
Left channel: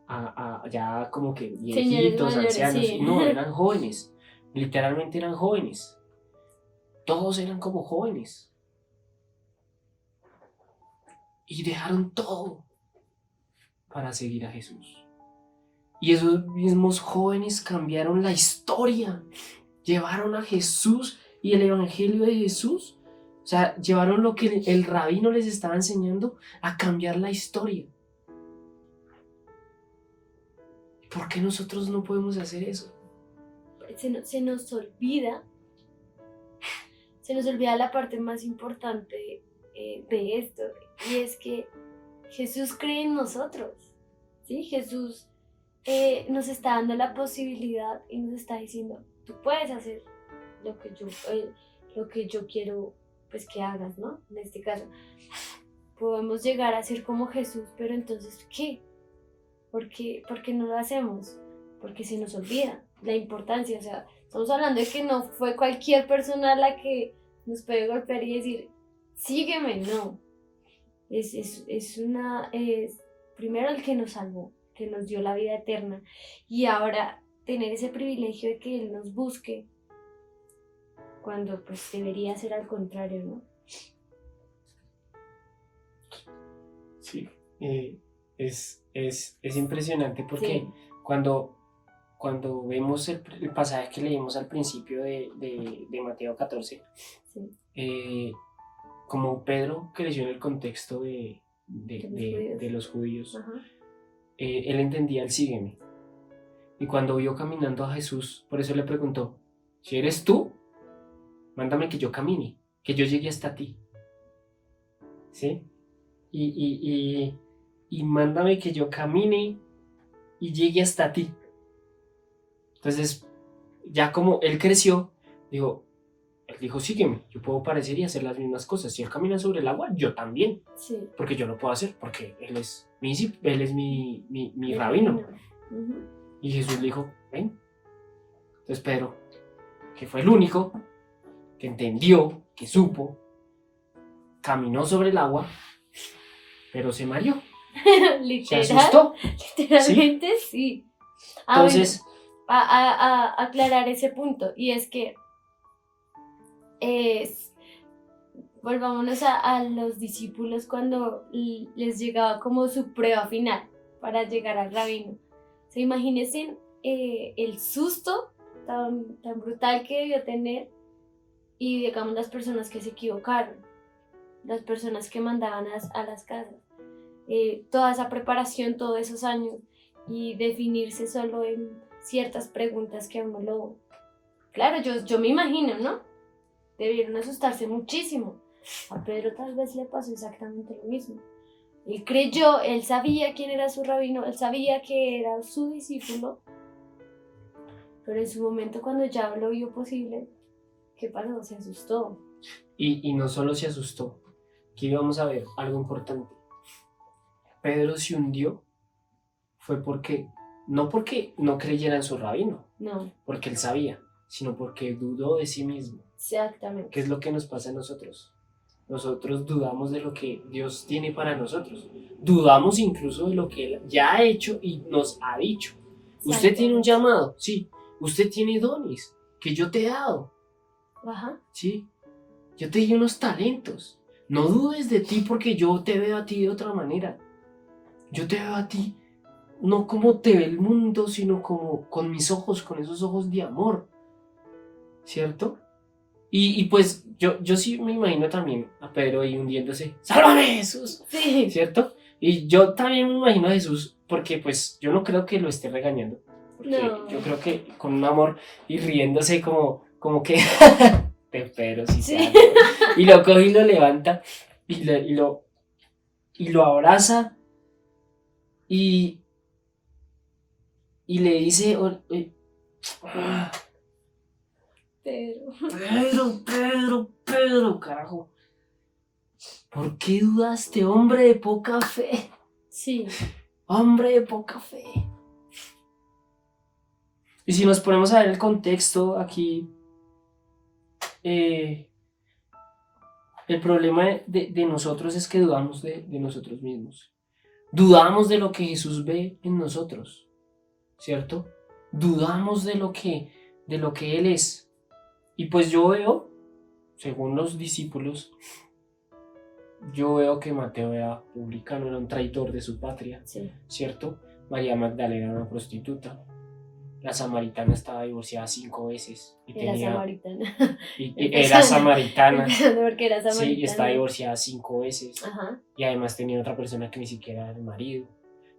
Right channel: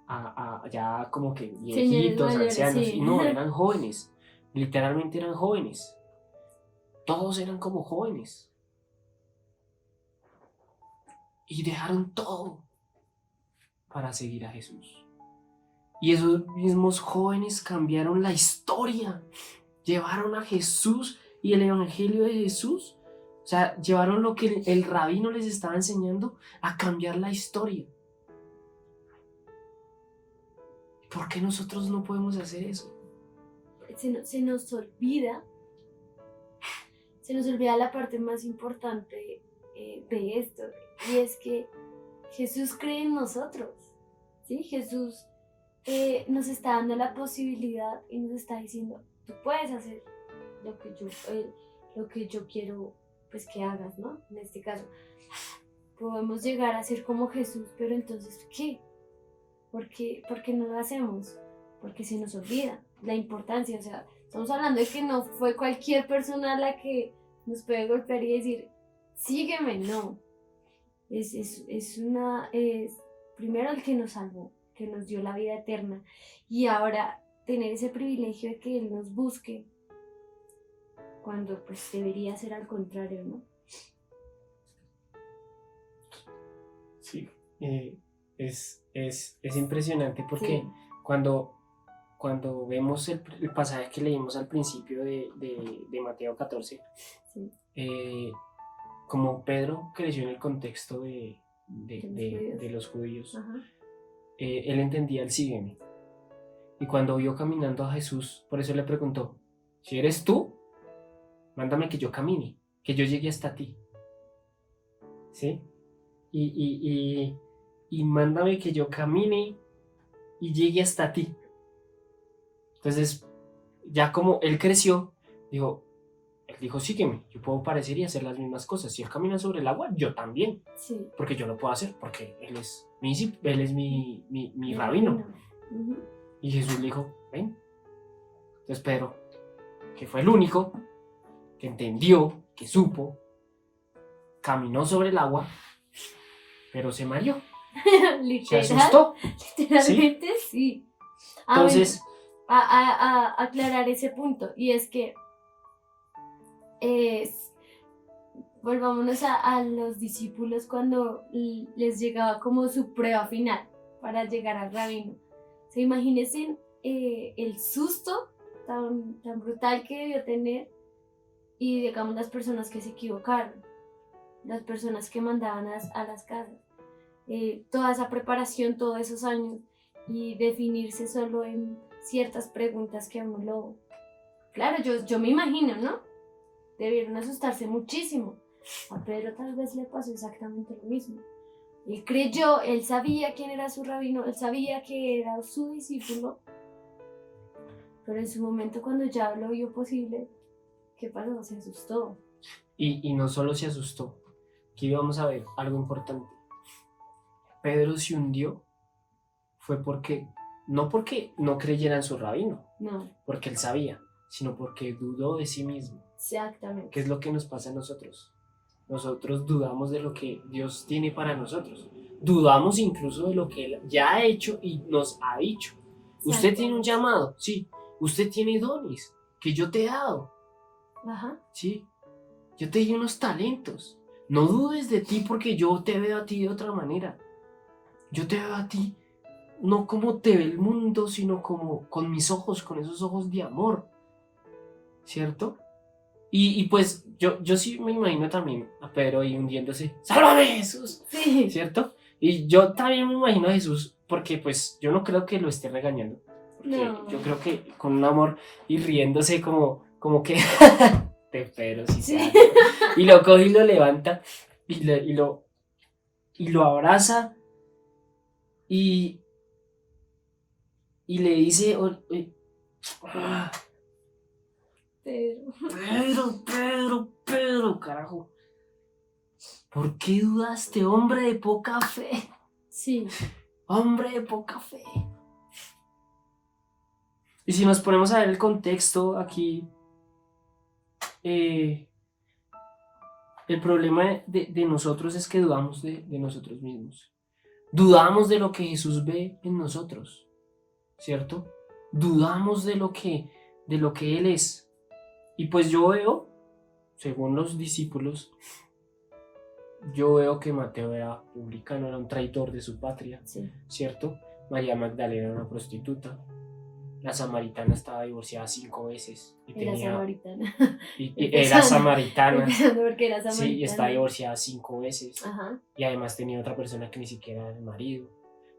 a ya como que viejitos, mayores, ancianos. sí. No, eran jóvenes. Literalmente eran jóvenes. Todos eran como jóvenes. y dejaron todo para seguir a Jesús. Y esos mismos jóvenes cambiaron la historia, llevaron a Jesús y el evangelio de Jesús, o sea, llevaron lo que el rabino les estaba enseñando a cambiar la historia. ¿Por qué nosotros no podemos hacer eso? Se nos olvida la parte más importante de esto, y es que Jesús cree en nosotros, ¿sí? Jesús nos está dando la posibilidad y nos está diciendo, tú puedes hacer lo que yo quiero, pues, que hagas, ¿no? En este caso, podemos llegar a ser como Jesús, pero entonces, ¿qué? ¿Por qué no lo hacemos? Porque se nos olvida la importancia. O sea, estamos hablando de que no fue cualquier persona la que nos puede golpear y decir, sígueme, no. Es primero el que nos salvó, que nos dio la vida eterna, y ahora tener ese privilegio de que Él nos busque, cuando pues debería ser al contrario, ¿no? Sí, es impresionante porque Sí. cuando vemos el pasaje que leímos al principio de Mateo 14, Sí. Como Pedro creció en el contexto de los judíos, Ajá. Él entendía el sígueme. Y cuando vio caminando a Jesús, por eso le preguntó, si eres tú, mándame que yo camine, que yo llegue hasta ti. ¿Sí? Y mándame que yo camine y llegue hasta ti. Entonces, ya como él creció, él dijo, sígueme, yo puedo parecer y hacer las mismas cosas. Si él camina sobre el agua, yo también. Sí. Porque yo lo puedo hacer, porque él es mi rabino. Uh-huh. Y Jesús le dijo, ven. Entonces Pedro, que fue el único que entendió, que supo, caminó sobre el agua, pero se mareó. Literal, Se asustó. Literalmente sí. Entonces, a aclarar ese punto, y es que volvámonos a los discípulos cuando les llegaba como su prueba final para llegar al rabino. O sea, imagínense el susto tan brutal que debió tener, y digamos las personas que se equivocaron, las personas que mandaban a las casas, toda esa preparación, todos esos años, y definirse solo en ciertas preguntas que uno lo... Claro, yo me imagino, ¿no? Debieron asustarse muchísimo. A Pedro tal vez le pasó exactamente lo mismo. Él creyó, él sabía quién era su rabino, él sabía que era su discípulo, pero en su momento, cuando ya lo vio posible, ¿qué pasó? Se asustó. Y no solo se asustó, aquí vamos a ver algo importante. Pedro se hundió fue no porque no creyera en su rabino, No. porque él sabía, sino porque dudó de sí mismo. Exactamente. ¿Qué es lo que nos pasa a nosotros? Nosotros dudamos de lo que Dios tiene para nosotros. Dudamos incluso de lo que Él ya ha hecho y nos ha dicho. Usted tiene un llamado, sí. Usted tiene dones que yo te he dado. Ajá. Sí. Yo te di unos talentos. No dudes de ti, porque yo te veo a ti de otra manera. Yo te veo a ti no como te ve el mundo, sino como con mis ojos, con esos ojos de amor. ¿Cierto? Y pues yo sí me imagino también a Pedro ahí hundiéndose. ¡Sálvame, Jesús! Sí. ¿Cierto? Y yo también me imagino a Jesús, porque pues yo no creo que lo esté regañando. Porque No. yo creo que con un amor y riéndose como que te Pedro, si Sí. sea, ¿no? Y lo coge y lo levanta y lo abraza y le dice, Pedro, carajo, ¿por qué dudaste, hombre de poca fe? Sí. Hombre de poca fe. Y si nos ponemos a ver el contexto aquí, el problema de nosotros es que dudamos de nosotros mismos. Dudamos de lo que Jesús ve en nosotros, ¿cierto? Dudamos de lo que Él es. Y pues yo veo, según los discípulos, yo veo que Mateo era publicano, era un traidor de su patria, Sí. ¿cierto? María Magdalena era una prostituta. La samaritana estaba divorciada 5 veces y Era tenía samaritana. era samaritana. Empezando porque era Sí, y samaritana. estaba divorciada 5 veces. Ajá. Y además tenía otra persona que ni siquiera era el marido,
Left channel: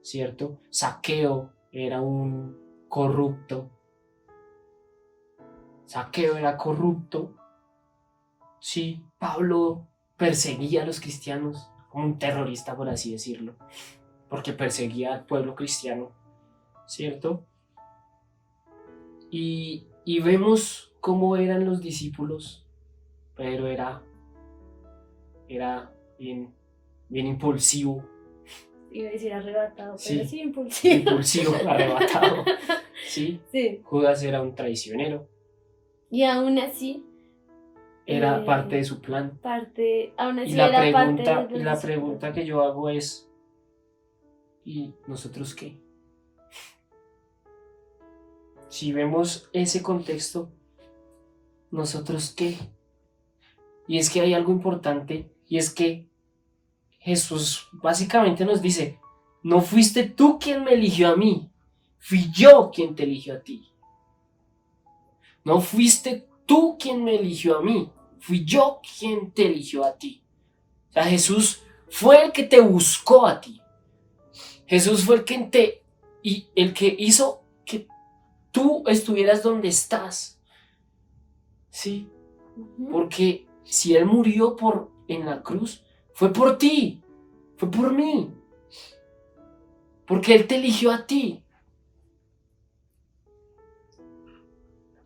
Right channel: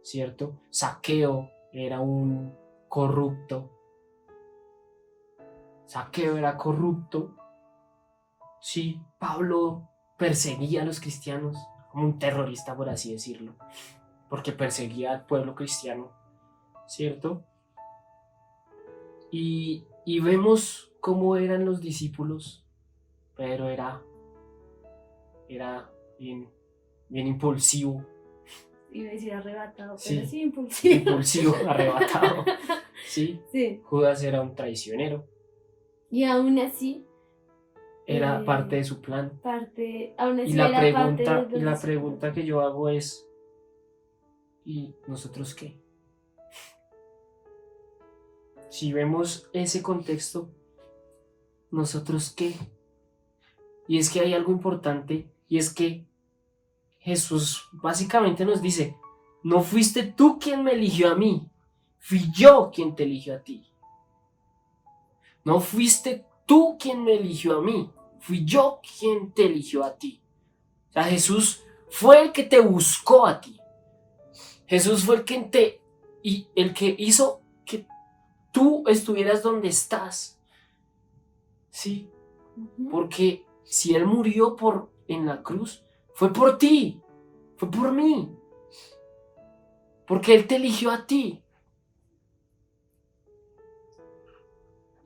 ¿cierto? Zaqueo era un corrupto. Zaqueo era corrupto. Sí, Pablo perseguía a los cristianos como un terrorista, por así decirlo, porque perseguía al pueblo cristiano, ¿cierto? Y vemos cómo eran los discípulos. Pedro era bien impulsivo. Iba a decir arrebatado, Sí, pero sí impulsivo. Impulsivo, arrebatado. ¿Sí? Sí. Judas era un traicionero. Y aún así. Era parte de su plan. Aún así Y la era parte pregunta que yo hago es, ¿y nosotros qué? Si vemos ese contexto, ¿nosotros qué? Y es que hay algo importante, y es que Jesús básicamente nos dice, no fuiste tú quien me eligió a mí, fui yo quien te eligió a ti. No fuiste tú quien me eligió a mí, fui yo quien te eligió a ti. O sea, Jesús fue el que te buscó a ti. Jesús fue el que hizo que tú estuvieras donde estás. ¿Sí? Uh-huh. Porque si Él murió en la cruz, fue por ti, fue por mí. Porque Él te eligió a ti.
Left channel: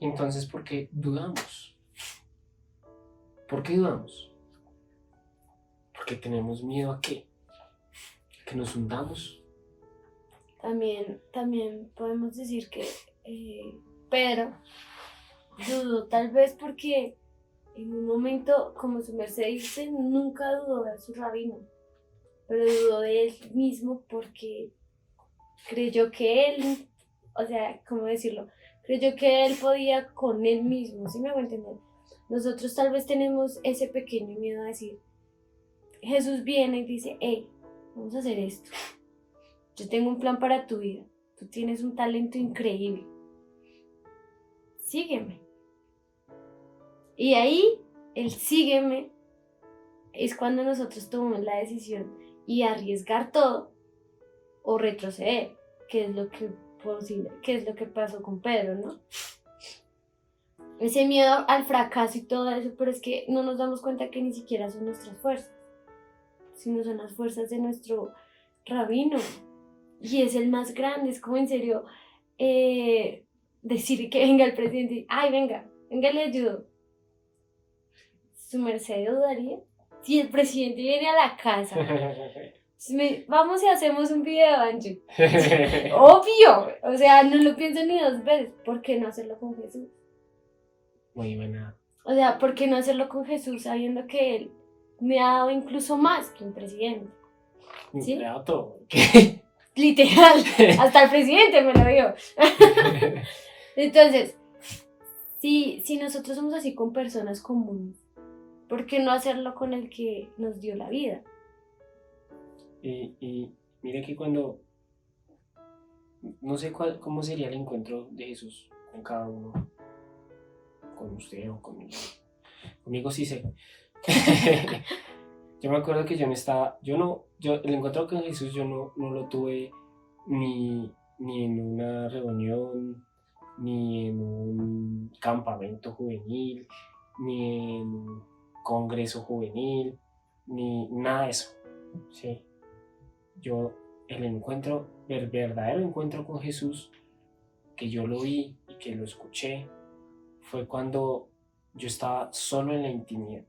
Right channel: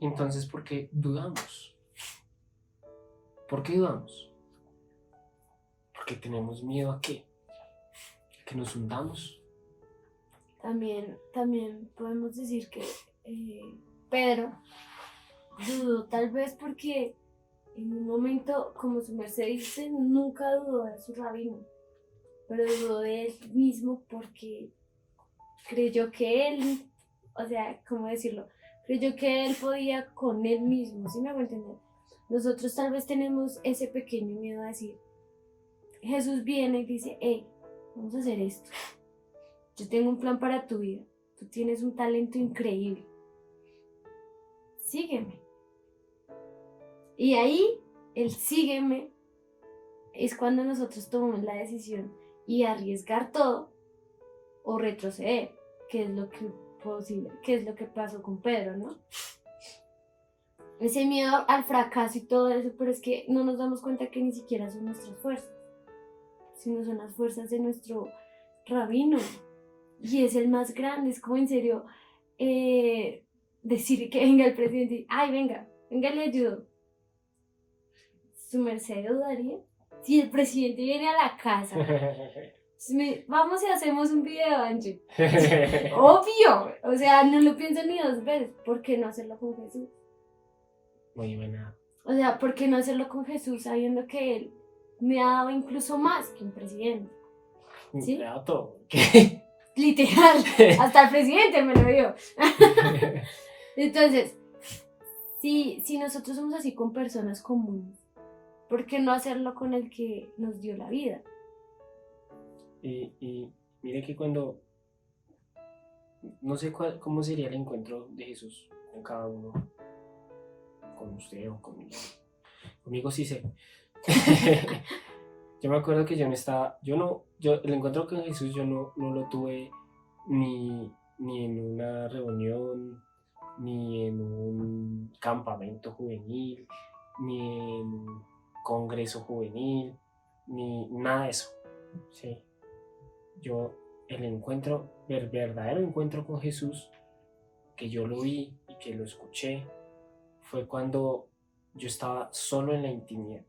Entonces, ¿por qué dudamos? ¿Por qué dudamos? Porque tenemos miedo a qué? ¿A que nos hundamos? También podemos decir que Pedro dudó, tal vez porque en un momento, como su merced dice, nunca dudó de su rabino, pero dudó de él mismo porque creyó que él, o sea, ¿cómo decirlo? Creyó que él podía con él mismo, ¿sí me hago entender? Nosotros tal vez tenemos ese pequeño miedo a decir, Jesús viene y dice, hey, vamos a hacer esto. Yo tengo un plan para tu vida. Tú tienes un talento increíble. Sígueme. Y ahí, el sígueme, es cuando nosotros tomamos la decisión y arriesgar todo o retroceder, que es lo que pasó con Pedro, ¿no? Ese miedo al fracaso y todo eso, pero es que no nos damos cuenta que ni siquiera son nuestras fuerzas, sino son las fuerzas de nuestro rabino. Y es el más grande, es como en serio decir que venga el presidente y, ay, venga, le ayudo. ¿Su merced dudaría? Si el presidente viene a la casa, vamos y hacemos un video, Angie. Obvio, o sea, no lo pienso ni 2 veces. ¿Por qué no hacerlo con Jesús? Muy buena. O sea, ¿por qué no hacerlo con Jesús sabiendo que Él me ha dado incluso más que un presidente? ¿Sí? Me ha dado todo. Literal, hasta el presidente me lo dio. Entonces, si nosotros somos así con personas comunes, ¿por qué no hacerlo con el que nos dio la vida? Y mire que cuando, no sé cómo sería el encuentro de Jesús con cada uno, con usted o conmigo. Conmigo sí sé. Yo me acuerdo que el encuentro con Jesús yo no lo tuve ni en una reunión, ni en un campamento juvenil, ni en un congreso juvenil, ni nada de eso. ¿Sí? El verdadero encuentro con Jesús, que yo lo vi y que lo escuché, fue cuando yo estaba solo en la intimidad.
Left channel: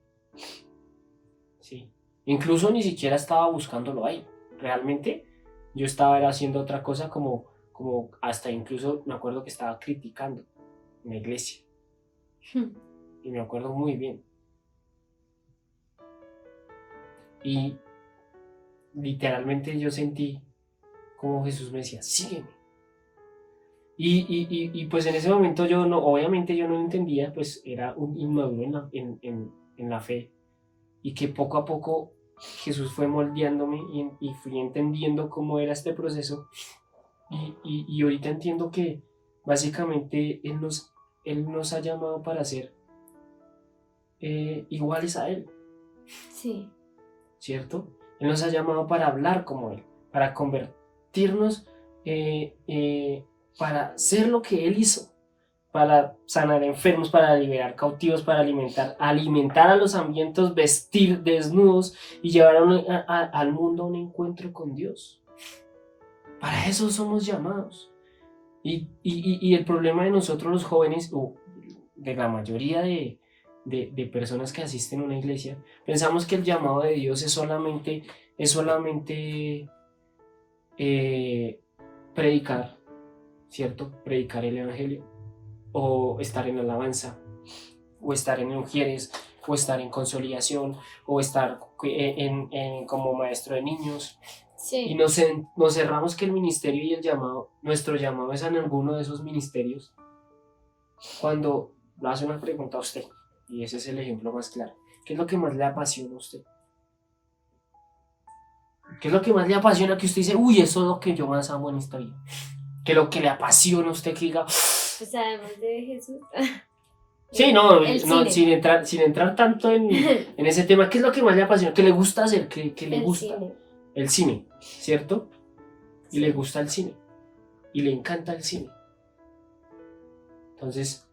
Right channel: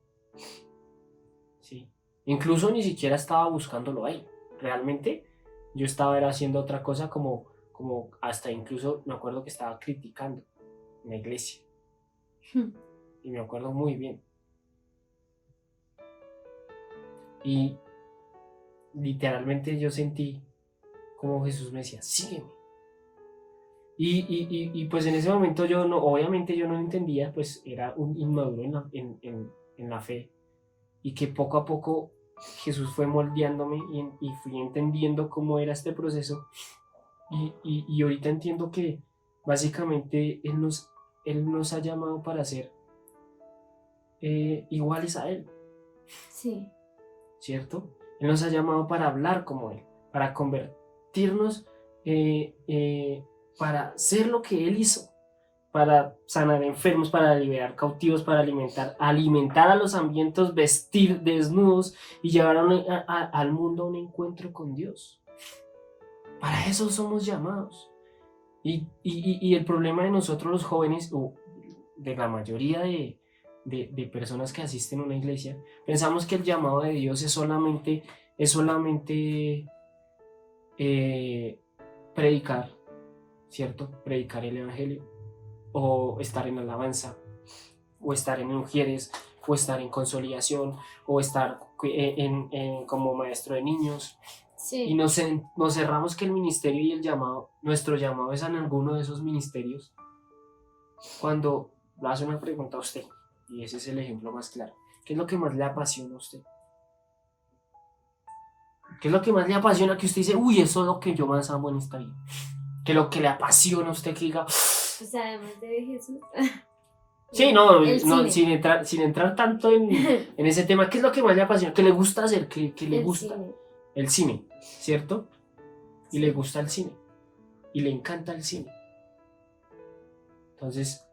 Sí. Incluso ni siquiera estaba buscándolo ahí. Realmente yo estaba haciendo otra cosa como hasta incluso me acuerdo que estaba criticando en la iglesia. Y me acuerdo muy bien. Y literalmente yo sentí como Jesús me decía, sígueme. Y pues en ese momento obviamente yo no entendía, pues era un inmaduro en la fe. Y que poco a poco Jesús fue moldeándome y fui entendiendo cómo era este proceso y ahorita entiendo que básicamente Él nos ha llamado para ser iguales a Él, Sí, ¿cierto? Él nos ha llamado para hablar como Él, para convertirnos, para ser lo que Él hizo, para sanar enfermos, para liberar cautivos, para alimentar a los hambrientos, vestir desnudos y llevar al mundo a un encuentro con Dios. Para eso somos llamados. Y el problema de nosotros los jóvenes, o de la mayoría de personas que asisten a una iglesia, pensamos que el llamado de Dios es solamente predicar, ¿cierto? Predicar el evangelio, o estar en alabanza, o estar en ujieres, o estar en consolidación, o estar como maestro de niños. Y sí. nos cerramos que el ministerio y nuestro llamado es en alguno de esos ministerios, cuando le hace una pregunta a usted, y ese es el ejemplo más claro. ¿Qué es lo que más le apasiona a usted? ¿Qué es lo que más le apasiona que usted dice, uy, eso es lo que yo más amo en esta vida? ¿Qué es lo que le apasiona a usted que diga? Pues además de Jesús. Sí, no, El no cine. sin entrar tanto en ese tema, ¿qué es lo que más le apasiona? ¿Qué le gusta hacer? ¿Qué le El gusta? cine. El cine, ¿cierto? Y le Sí. gusta el cine. Y le encanta el cine. Entonces,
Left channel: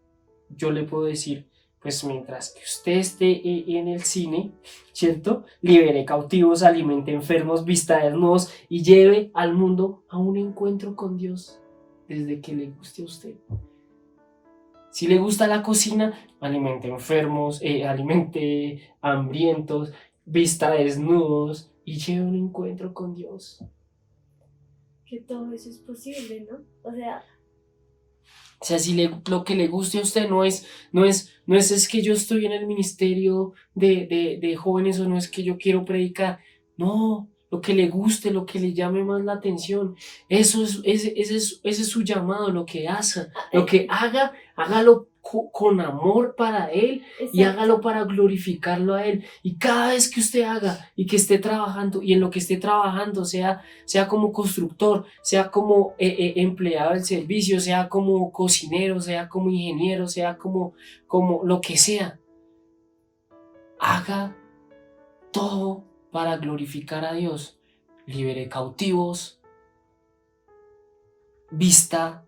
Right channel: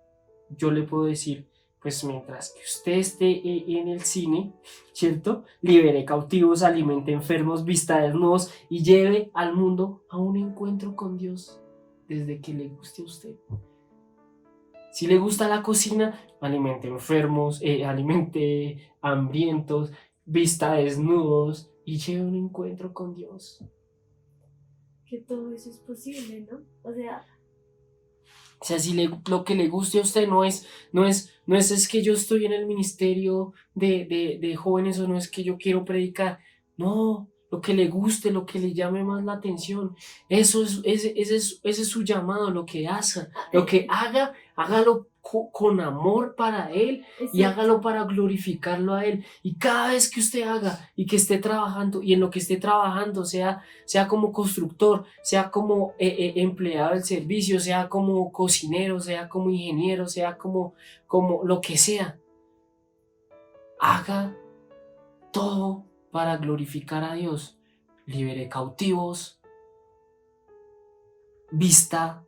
yo le puedo decir, pues mientras que usted esté en el cine, ¿cierto? Libere cautivos, alimente enfermos, vista desnudos y lleve al mundo a un encuentro con Dios desde que le guste a usted. Si le gusta la cocina, alimente enfermos, alimente hambrientos, vista desnudos y lleve un encuentro con Dios. Que todo eso es posible, ¿no? O sea, O sea, si lo que le guste a usted no es que yo estoy en el ministerio de jóvenes o no es que yo quiero predicar. No, lo que le guste, lo que le llame más la atención. Ese es su llamado, lo que haga, hágalo con amor para Él y hágalo exacto. para glorificarlo a Él. Y cada vez que usted haga y que esté trabajando y en lo que esté trabajando, sea como constructor, sea como empleado del servicio, sea como cocinero, sea como ingeniero, sea como lo que sea, haga todo para glorificar a Dios. Libere cautivos, vista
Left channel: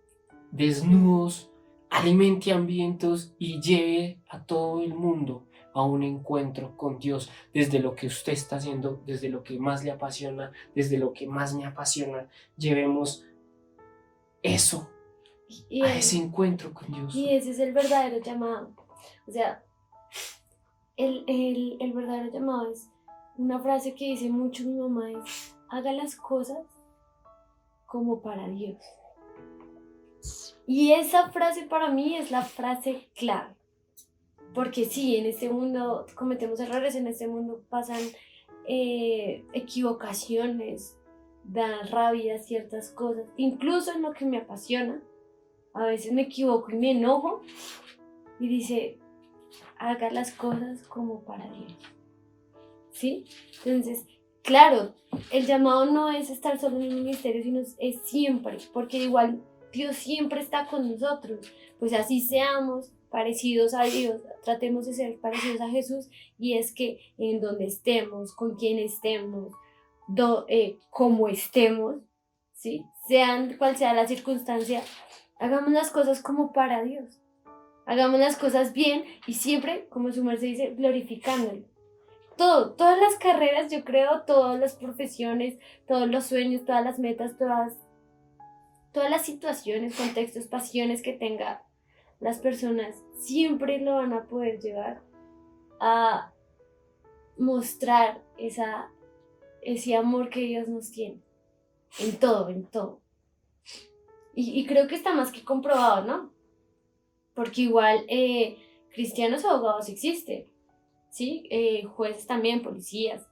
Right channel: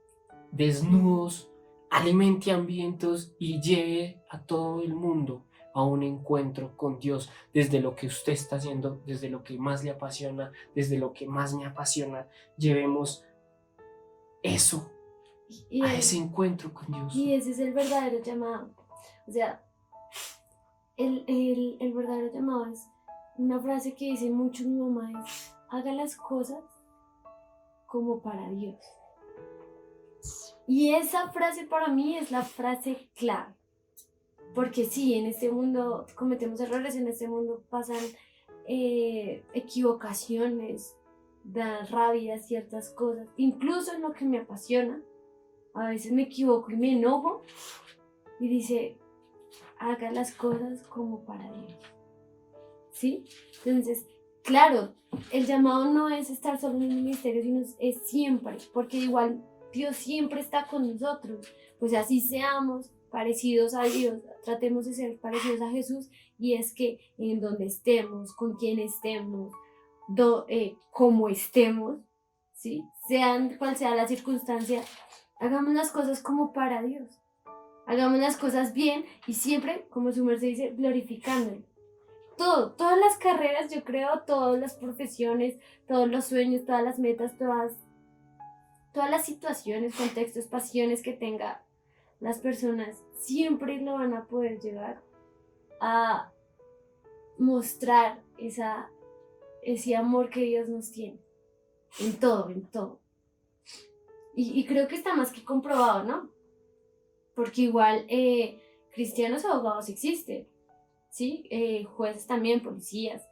desnudos, alimente hambrientos y lleve a todo el mundo a un encuentro con Dios, desde lo que usted está haciendo, desde lo que más le apasiona, desde lo que más me apasiona. Llevemos eso Y, a ese el, encuentro con Dios. y ese es el verdadero llamado. O sea, el verdadero llamado es una frase que dice mucho mi mamá, es haga las cosas como para Dios. Y esa frase para mí es la frase clave. Porque sí, en este mundo cometemos errores, en este mundo pasan equivocaciones, dan rabia ciertas cosas, incluso en lo que me apasiona. A veces me equivoco y me enojo y dice, haga las cosas como para Dios. ¿Sí? Entonces, claro, el llamado no es estar solo en el ministerio, sino es siempre, porque igual Dios siempre está con nosotros. Pues así seamos parecidos a Dios, tratemos de ser parecidos a Jesús, y es que en donde estemos, con quien estemos, como estemos, ¿sí? Sean cual sea la circunstancia, hagamos las cosas como para Dios. Hagamos las cosas bien y siempre, como su merced dice, glorificándolo. Todas las carreras, yo creo, todas las profesiones, todos los sueños, todas las metas, todas las situaciones, contextos, pasiones que tenga las personas, siempre lo van a poder llevar a mostrar ese amor que Dios nos tiene. En todo, en todo. Y creo que está más que comprobado, ¿no? Porque igual cristianos abogados existen, ¿sí? Jueces también, policías.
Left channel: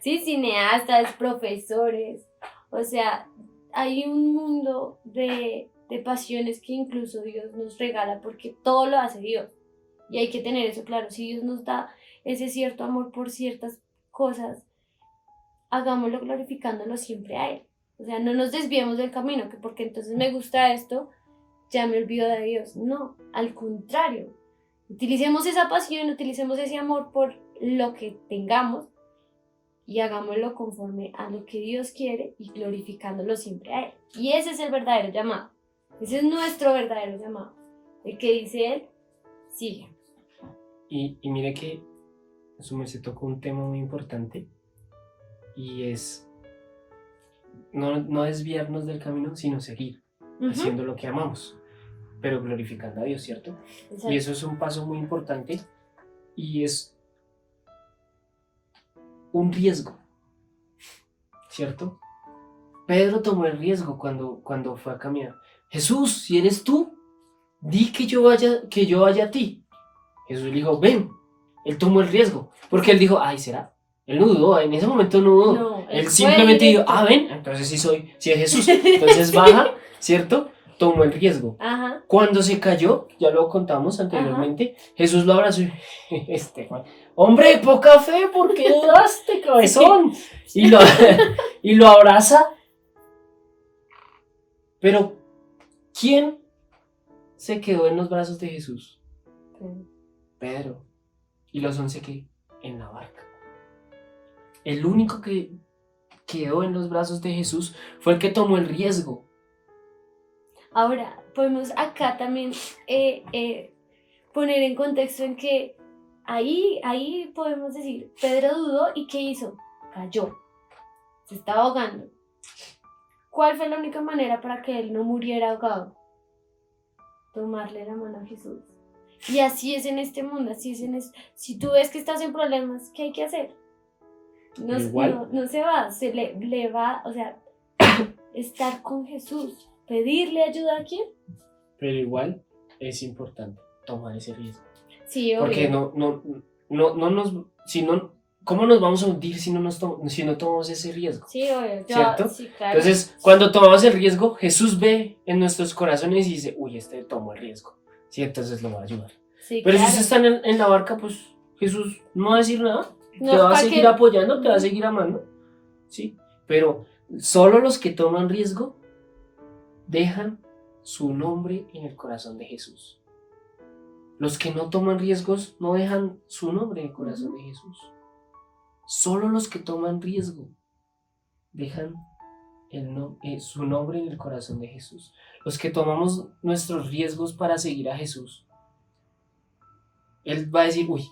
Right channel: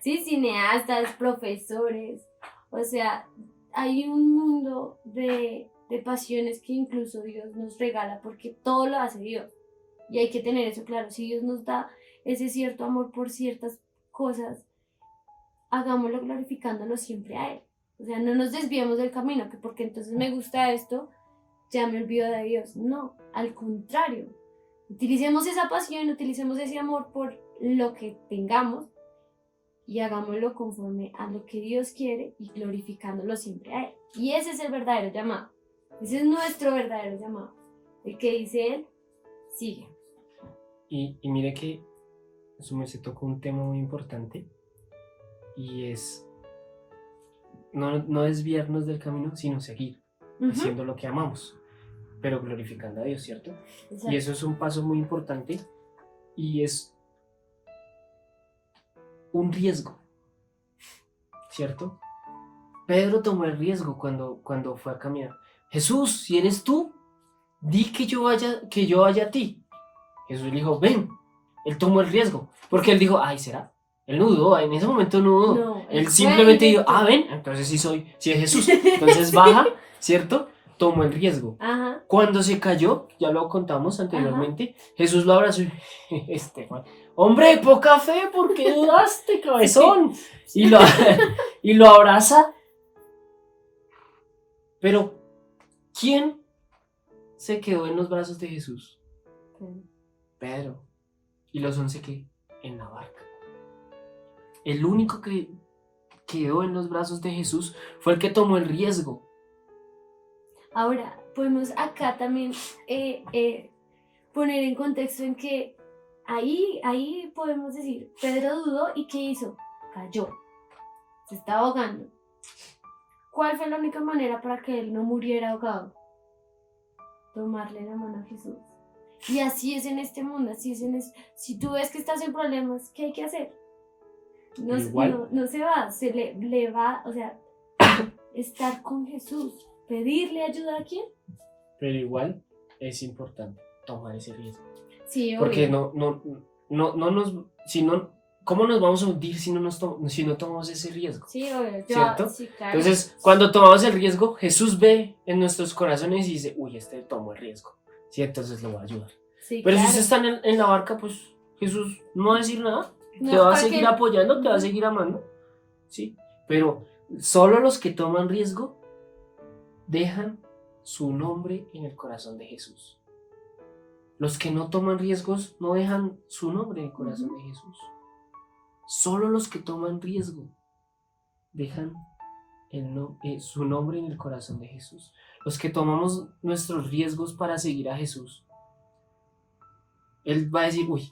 Sí, cineastas, profesores. O sea, hay un mundo de pasiones que incluso Dios nos regala porque todo lo hace Dios. Y hay que tener eso claro. Si Dios nos da ese cierto amor por ciertas cosas, hagámoslo glorificándolo siempre a Él. O sea, no nos desviemos del camino, que porque entonces me gusta esto, ya me olvido de Dios. No, al contrario. Utilicemos esa pasión, utilicemos ese amor por lo que tengamos y hagámoslo conforme a lo que Dios quiere y glorificándolo siempre a Él. Y ese es el verdadero llamado. Ese es nuestro verdadero llamado. El que dice Él, sigue. Y mire que su merced tocó un tema muy importante y es no desviarnos del camino, sino seguir haciendo lo que amamos, pero glorificando a Dios, ¿cierto? Exacto. Y eso es un paso muy importante y es un riesgo, ¿cierto? Pedro tomó el riesgo cuando fue a caminar. Jesús, si eres tú, di que yo vaya a ti. Jesús le dijo, ven. Él tomó el riesgo, porque él dijo, ay, ¿será? Él no dudó, en ese momento no dudó. No, él fue simplemente dijo, directo. ven, entonces sí es Jesús. Entonces baja, ¿cierto? Tomó el riesgo. Ajá. Cuando se cayó, ya lo contamos anteriormente, Jesús lo abrazó y Juan, hombre, poca fe, ¿por qué dudaste, cabezón? Y lo abraza. Pero, ¿quién se quedó en los brazos de Jesús? Pedro. ¿Y los 11 qué? En la barca. El único que quedó en los brazos de Jesús fue el que tomó el riesgo. Ahora, podemos acá también poner en contexto en que ahí podemos decir, Pedro dudó y ¿qué hizo? Cayó. Se estaba ahogando. ¿Cuál fue la única manera para que él no muriera ahogado? Tomarle la mano a Jesús. Y así es en este mundo, si tú ves que estás en problemas, ¿qué hay que hacer? No se va, le va, o sea, estar con Jesús, pedirle ayuda a quién. Pero igual es importante tomar ese riesgo. Sí, obvio. Porque ¿cómo nos vamos a hundir si no tomamos ese riesgo? Sí, obvio. ¿Cierto? Sí, claro. Entonces, cuando tomamos el riesgo, Jesús ve en nuestros corazones y dice, uy, tomó el riesgo. Sí, entonces lo va a ayudar. Sí, pero claro. si usted está en la barca, pues Jesús no va a decir nada. No, te va a seguir apoyando, te va a seguir amando. ¿Sí? Pero solo los que toman riesgo dejan su nombre en el corazón de Jesús. Los que no toman riesgos no dejan su nombre en el corazón de Jesús. Solo los que toman riesgo dejan su nombre en el corazón de Jesús. Los que tomamos nuestros riesgos para seguir a Jesús, Él va a decir, uy,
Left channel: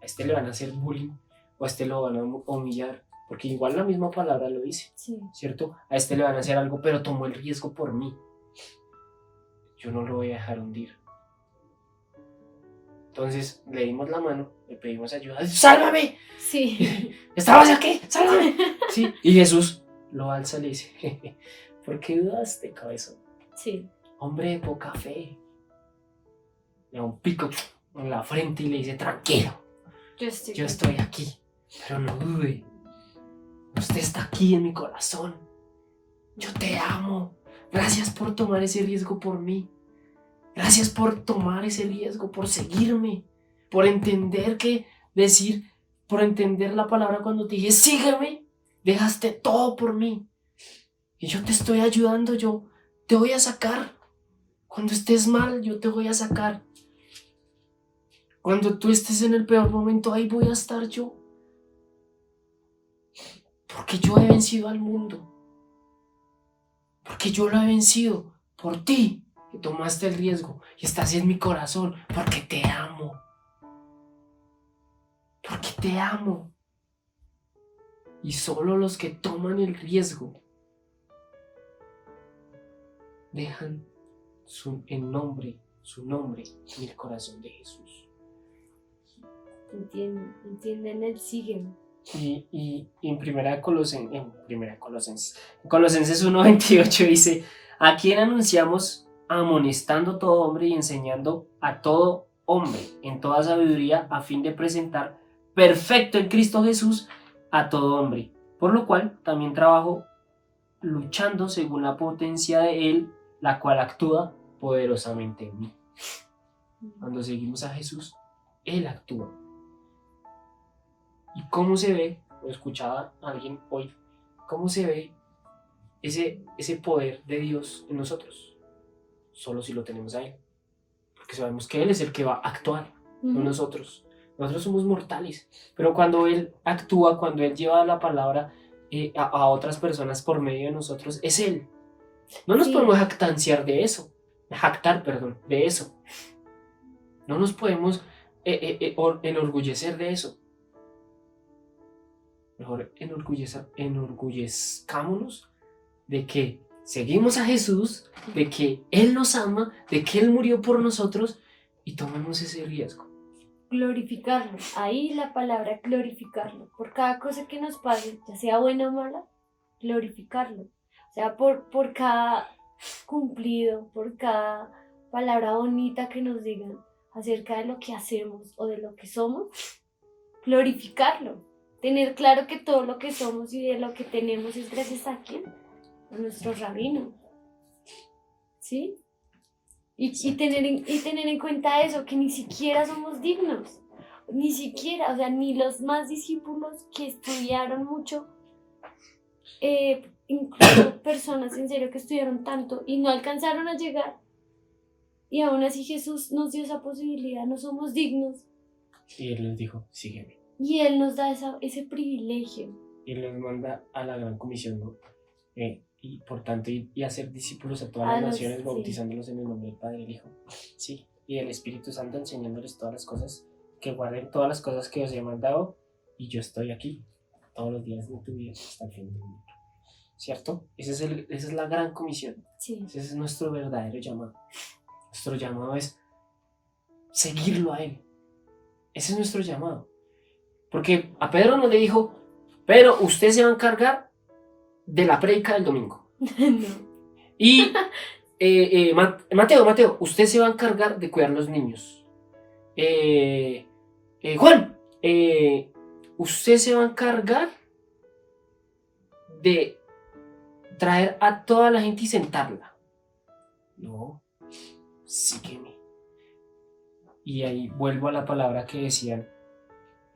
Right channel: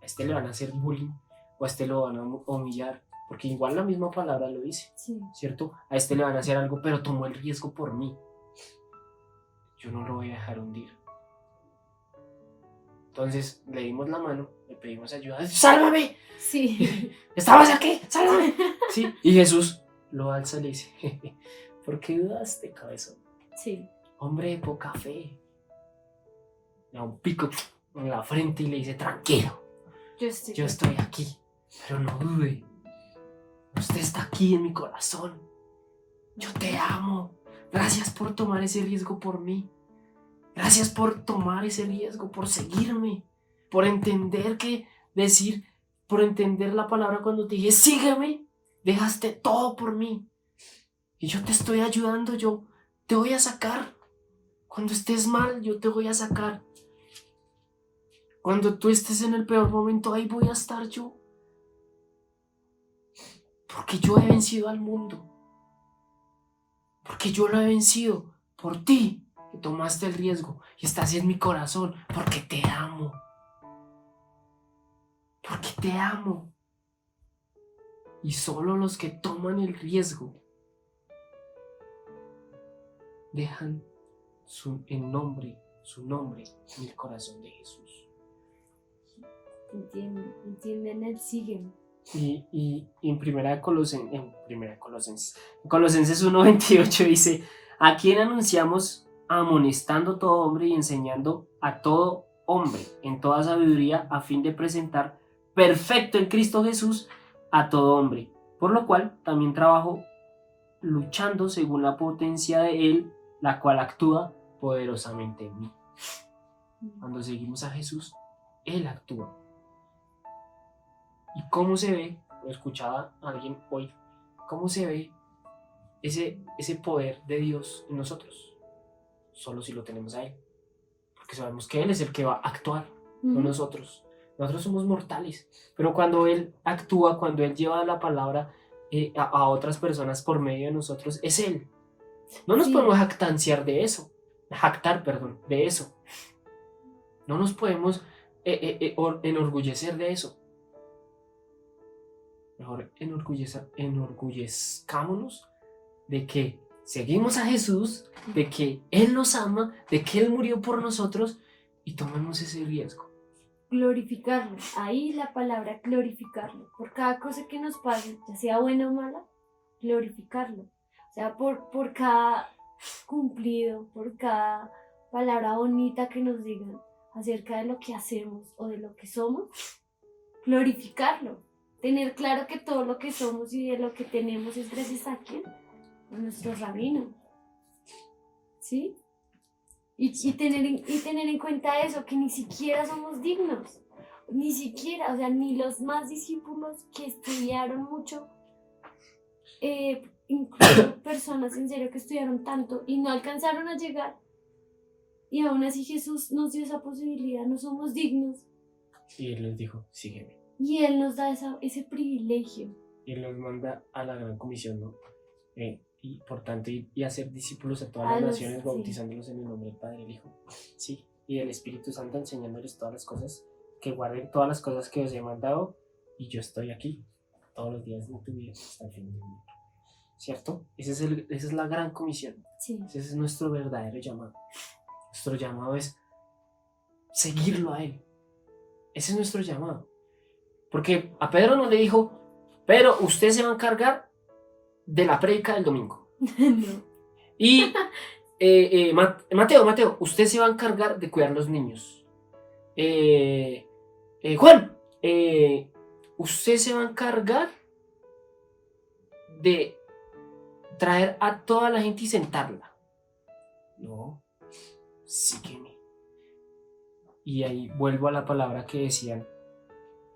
a este le van a hacer bullying o a este lo van a humillar, porque igual la misma palabra lo dice, sí. ¿cierto? A este le van a hacer algo, pero tomó el riesgo por mí. Yo no lo voy a dejar hundir. Entonces le dimos la mano, le pedimos ayuda. ¡Sálvame! Sí. ¿Estabas aquí? ¡Sálvame! Sí. Y Jesús lo alza y le dice, ¿por qué dudaste, cabezón? Sí. Hombre de poca fe. Le da un pico en la frente y le dice, tranquilo, yo estoy aquí, pero no dude. Usted está aquí en mi corazón. Yo te amo. Gracias por tomar ese riesgo por mí. Gracias por tomar ese riesgo, por seguirme, por entender por entender la palabra cuando te dije, sígueme, dejaste todo por mí. Y yo te estoy ayudando, yo te voy a sacar. Cuando estés mal, yo te voy a sacar. Cuando tú estés en el peor momento, ahí voy a estar yo. Porque yo he vencido al mundo. Porque yo lo he vencido por ti. Que tomaste el riesgo y estás en mi corazón porque te amo. Porque te amo. Y solo los que toman el riesgo dejan su nombre en el corazón de Jesús. Entienden el siguen. Y en Colosenses 1:28 dice, ¿a quién anunciamos? Amonestando todo hombre y enseñando a todo hombre en toda sabiduría, a fin de presentar perfecto en Cristo Jesús a todo hombre, por lo cual también trabajo luchando según la potencia de Él, la cual actúa poderosamente en mí. Cuando seguimos a Jesús, Él actúa. ¿Y cómo se ve? Lo escuchaba alguien hoy. ¿Cómo se ve ese poder de Dios en nosotros? Solo si lo tenemos a Él. Porque sabemos que Él es el que va a actuar, no nosotros. Nosotros somos mortales. Pero cuando Él actúa, cuando Él lleva la palabra a otras personas por medio de nosotros, es Él. No nos Sí. podemos jactar, de eso. No nos podemos enorgullecer de eso. Mejor enorgullezcámonos de que seguimos a Jesús, de que Él nos ama, de que Él murió por nosotros y tomemos ese riesgo. Glorificarlo. Ahí la palabra glorificarlo. Por cada cosa que nos pase, ya sea buena o mala, glorificarlo. O sea, por cada cumplido, por cada palabra bonita que nos digan acerca de lo que hacemos o de lo que somos, glorificarlo. Tener claro que todo lo que somos y de lo que tenemos es gracias a quién, a nuestro rabino. ¿Sí? Y tener en cuenta eso, que ni siquiera somos dignos, ni siquiera, o sea, ni los más discípulos que estudiaron mucho, incluso personas en serio que estudiaron tanto y no alcanzaron a llegar, y aún así Jesús nos dio esa posibilidad, no somos dignos. Y Él les dijo, sígueme. Y Él nos da ese privilegio. Y Él nos manda a la gran comisión, ¿no? Y por tanto, y hacer discípulos a todas las naciones, sí. bautizándolos en el nombre del Padre y el Hijo. Sí, y del Espíritu Santo, enseñándoles todas las cosas, que guarden todas las cosas que os he mandado, y yo estoy aquí todos los días de tu vida hasta el fin del mundo. ¿Cierto? Esa es la gran comisión. Sí. Ese es nuestro verdadero llamado. Nuestro llamado es seguirlo a Él. Ese es nuestro llamado. Porque a Pedro no le dijo, pero usted se va a encargar de la prédica del domingo. No. Y Mateo, usted se va a encargar de cuidar los niños. Juan, usted se va a encargar de traer a toda la gente y sentarla. No, sígueme. Y ahí vuelvo a la palabra que decían,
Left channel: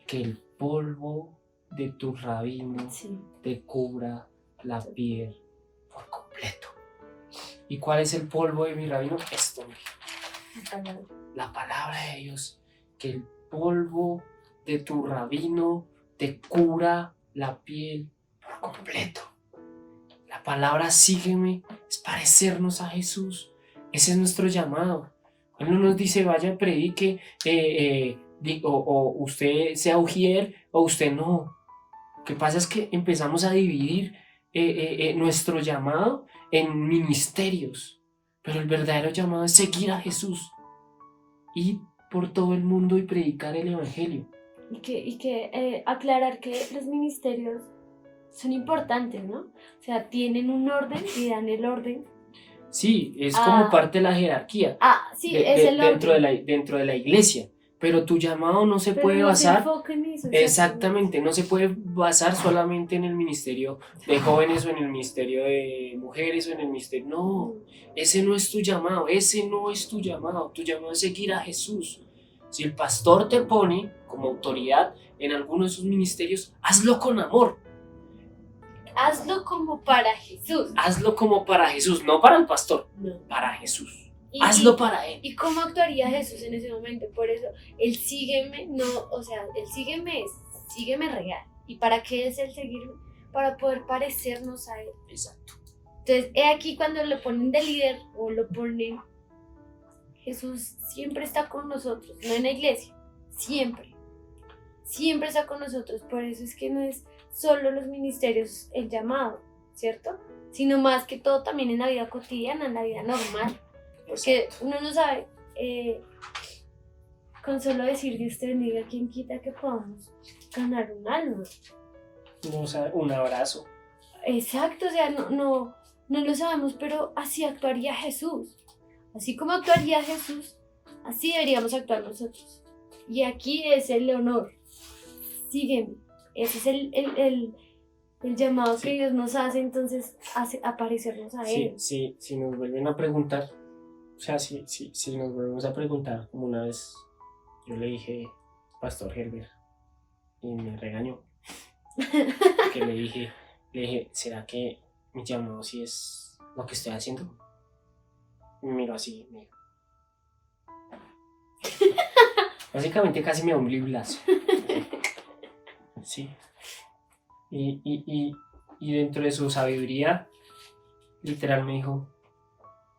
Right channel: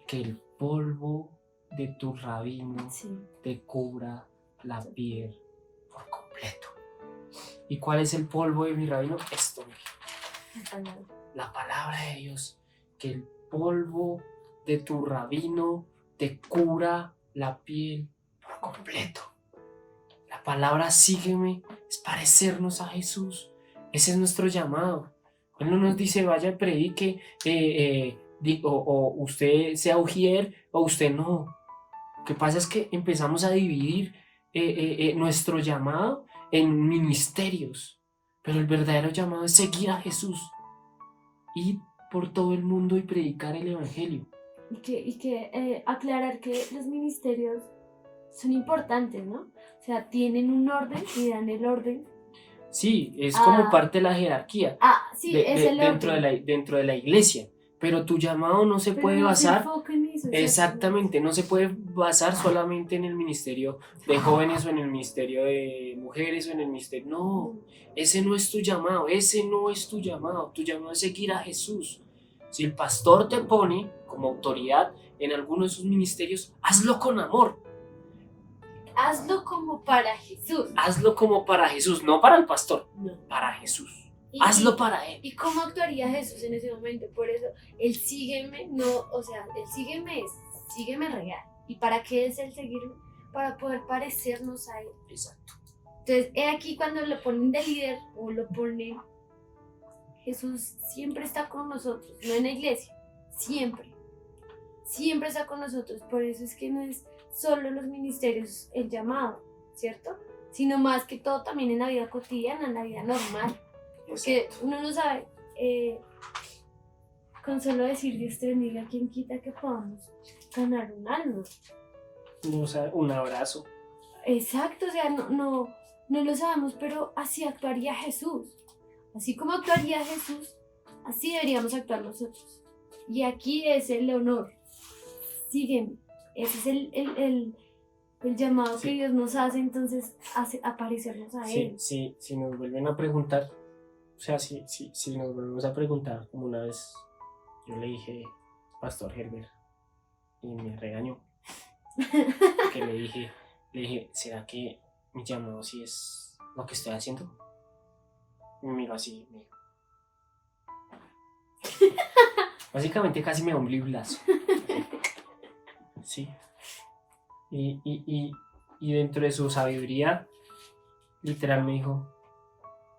que el polvo de tu rabino te cubra la piel por completo. ¿Y cuál es el polvo de mi rabino? Esto, la palabra de Dios, que el polvo de tu rabino te cubra la piel por completo. La palabra sígueme es parecernos a Jesús. Ese es nuestro llamado. Él no nos dice vaya, predique, o usted sea ujier o usted no. Lo que pasa es que empezamos a dividir nuestro llamado en ministerios, pero el verdadero llamado es seguir a Jesús, ir por todo el mundo y predicar el evangelio. Y que aclarar que los ministerios son importantes, ¿no? O sea, tienen un orden y dan el orden. Sí, es como parte de la jerarquía. Sí, es el orden. Dentro de la iglesia. Pero tu llamado no se puede basar. Exactamente, no se puede basar solamente en el ministerio de jóvenes o en el ministerio de mujeres o en el ministerio. No, ese no es tu llamado, ese no es tu llamado. Tu llamado es seguir a Jesús. Si el pastor te pone como autoridad en alguno de sus ministerios, hazlo con amor. Hazlo como para Jesús. Hazlo como para Jesús, no para el pastor, no. Para Jesús. Hazlo para Él. ¿Y cómo actuaría Jesús en ese momento? Por eso, el sígueme, sígueme real. ¿Y para qué es el seguirme? Para poder parecernos a Él. Exacto. Entonces, he aquí cuando lo ponen de líder o lo ponen, Jesús siempre está con nosotros, no en la iglesia, siempre está con nosotros. Por eso es que no es solo los ministerios el llamado, ¿cierto? Sino más que todo también en la vida cotidiana, en la vida normal. Porque uno no sabe, con solo decir Dios te bendiga, ¿quién quita que podamos ganar un alma? No, o sea, un abrazo. Exacto, o sea, no lo sabemos, pero así actuaría Jesús. Así como actuaría Jesús, así deberíamos actuar nosotros. Y aquí es el honor. Sígueme. Ese es el llamado que Dios nos hace, entonces hace aparecernos a Él. Sí, si nos vuelven a preguntar. O sea, si nos volvemos a preguntar, como una vez yo le dije, Pastor Herbert, y me regañó. Que le dije, ¿será que mi llamado sí es lo que estoy haciendo? Y me miró así, me dijo. Básicamente casi me da un bliblazo. Sí. Y dentro de su sabiduría, literal me dijo,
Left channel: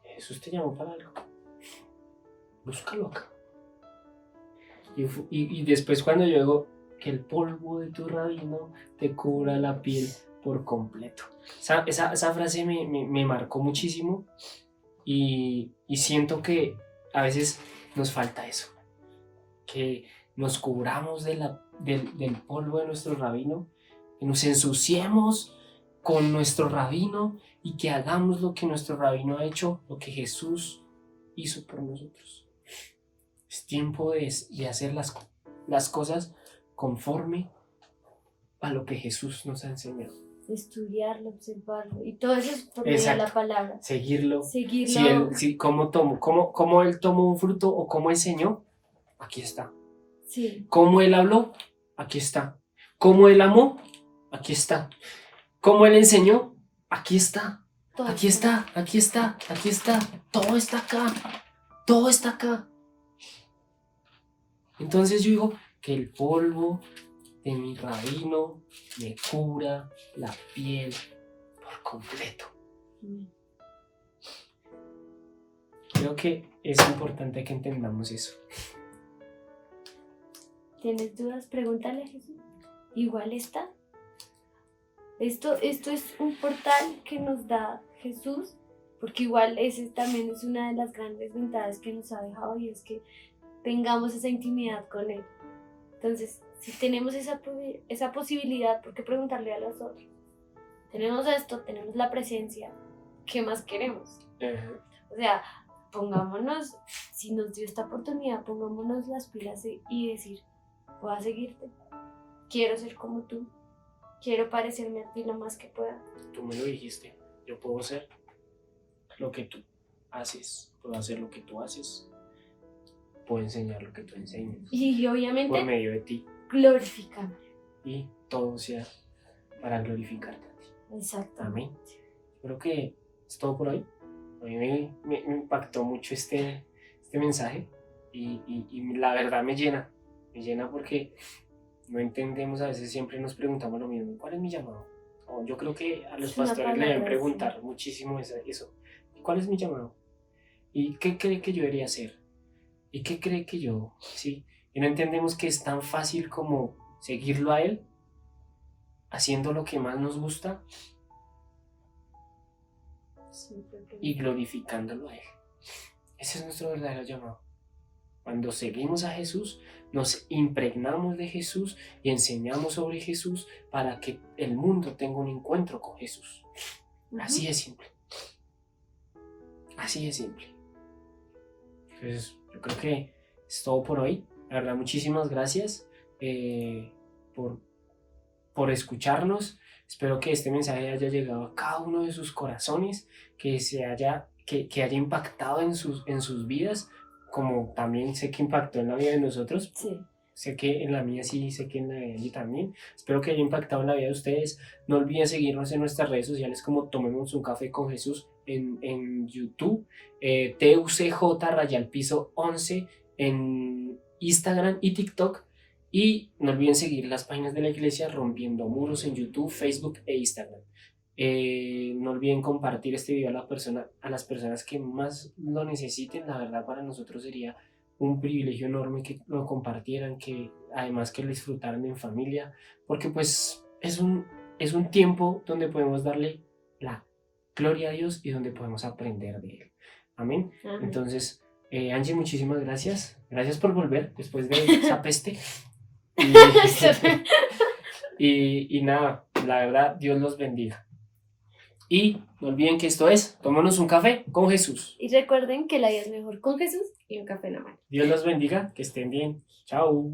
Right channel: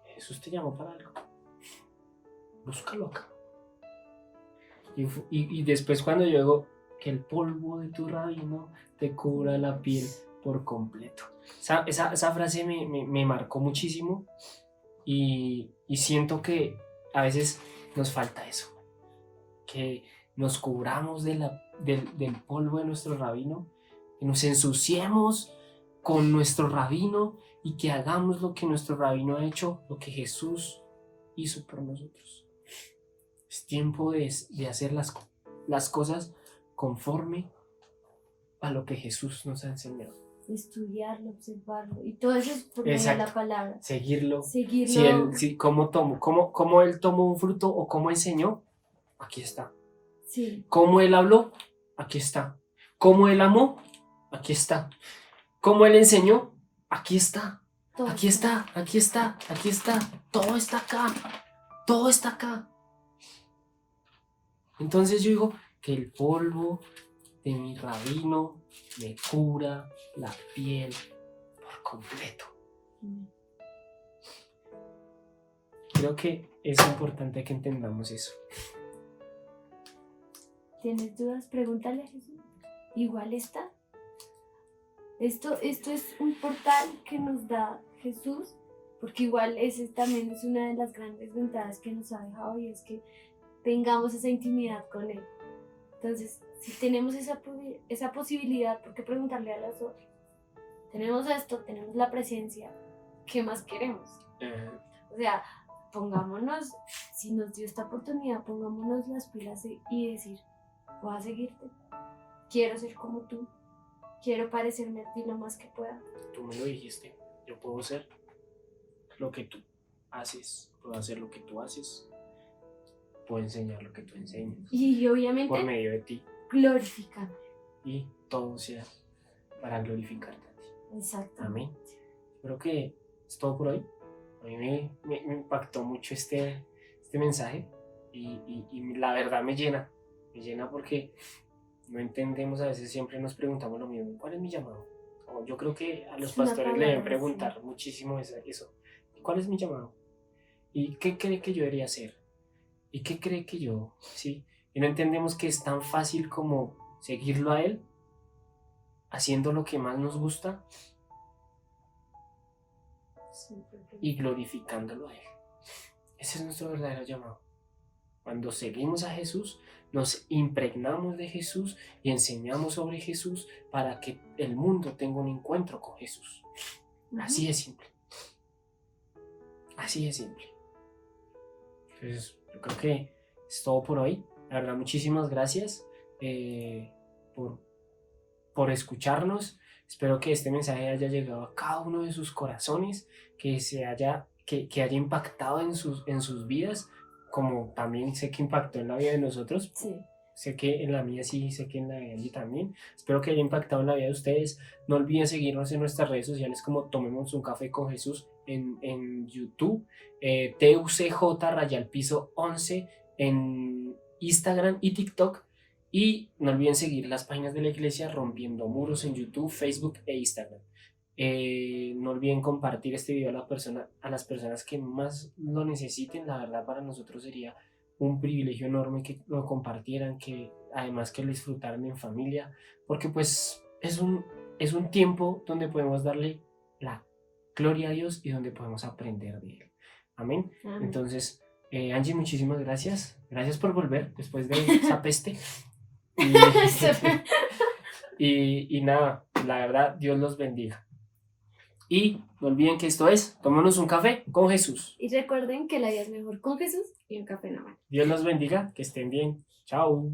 Jesús te llamó para algo. Búscalo acá. Y después cuando yo digo que el polvo de tu rabino te cubra la piel por completo. Esa frase me marcó muchísimo y siento que a veces nos falta eso. Que nos cubramos del polvo de nuestro rabino, que nos ensuciemos con nuestro rabino y que hagamos lo que nuestro rabino ha hecho, lo que Jesús hizo por nosotros. Es tiempo de hacer las cosas conforme a lo que Jesús nos ha enseñado. Estudiarlo, observarlo, y todo eso es por medio de la palabra. Seguirlo. Seguirlo. Cómo él tomó un fruto o cómo enseñó, aquí está. Sí. Cómo él habló, aquí está. Cómo él amó, aquí está. Cómo él enseñó, aquí está. Todo Aquí está. Todo está acá. Todo está acá. Entonces yo digo que el polvo de mi rabino me cubra la piel por completo. Creo que es importante que entendamos eso. ¿Tienes dudas? Pregúntale a Jesús. Igual está. Esto es un portal que nos da Jesús, porque igual ese también es una de las grandes ventajas que nos ha dejado, y es que tengamos esa intimidad con Él. Entonces, si tenemos esa posibilidad, ¿por qué preguntarle a los otros? Tenemos esto, tenemos la presencia, ¿qué más queremos? O sea, pongámonos, si nos dio esta oportunidad, pongámonos las pilas y decir, voy a seguirte, quiero ser como tú, quiero parecerme a ti lo más que pueda. Tú me lo dijiste, yo puedo ser lo que tú haces, puedo hacer lo que tú haces, puedo enseñar lo que tú enseñas. Y obviamente, por medio de ti. Glorificando. Y todo sea para glorificarte a ti. Exacto. Amén. Creo que es todo por hoy. A mí me impactó mucho este mensaje y la verdad me llena porque no entendemos, a veces siempre nos preguntamos lo mismo, ¿cuál es mi llamado? Yo creo que a los pastores le deben preguntar muchísimo eso, ¿cuál es mi llamado? ¿Y qué cree que yo debería hacer? ¿Y qué cree que yo? ¿Sí? Y no entendemos que es tan fácil como seguirlo a Él, haciendo lo que más nos gusta y glorificándolo a Él. Ese es nuestro verdadero llamado. Cuando seguimos a Jesús, nos impregnamos de Jesús y enseñamos sobre Jesús para que el mundo tenga un encuentro con Jesús. Así es simple. Así es simple. Entonces, yo creo que es todo por hoy. La verdad, muchísimas gracias por escucharnos. Espero que este mensaje haya llegado a cada uno de sus corazones, que haya impactado en sus vidas, como también sé que impactó en la vida de nosotros. Sí. Sé que en la mía sí, sé que en la de Angie también. Espero que haya impactado en la vida de ustedes. No olviden seguirnos en nuestras redes sociales como Tomemos un Café con Jesús en YouTube, TUCJ_11 en Instagram y TikTok. Y no olviden seguir las páginas de la iglesia Rompiendo Muros en YouTube, Facebook e Instagram. No olviden compartir este video a las personas que más lo necesiten. La verdad, para nosotros sería un privilegio enorme que lo compartieran, que además que lo disfrutaran en familia, porque pues es un tiempo donde podemos darle la gloria a Dios y donde podemos aprender de Él. Amén. Entonces, Angie, muchísimas gracias. Gracias por volver después de esa peste. Y nada, la verdad, Dios los bendiga. Y no olviden que esto es Tomémonos un Café con Jesús. Y recuerden que la vida es mejor con Jesús y un café en la mano. Dios los bendiga, que estén bien. Chao.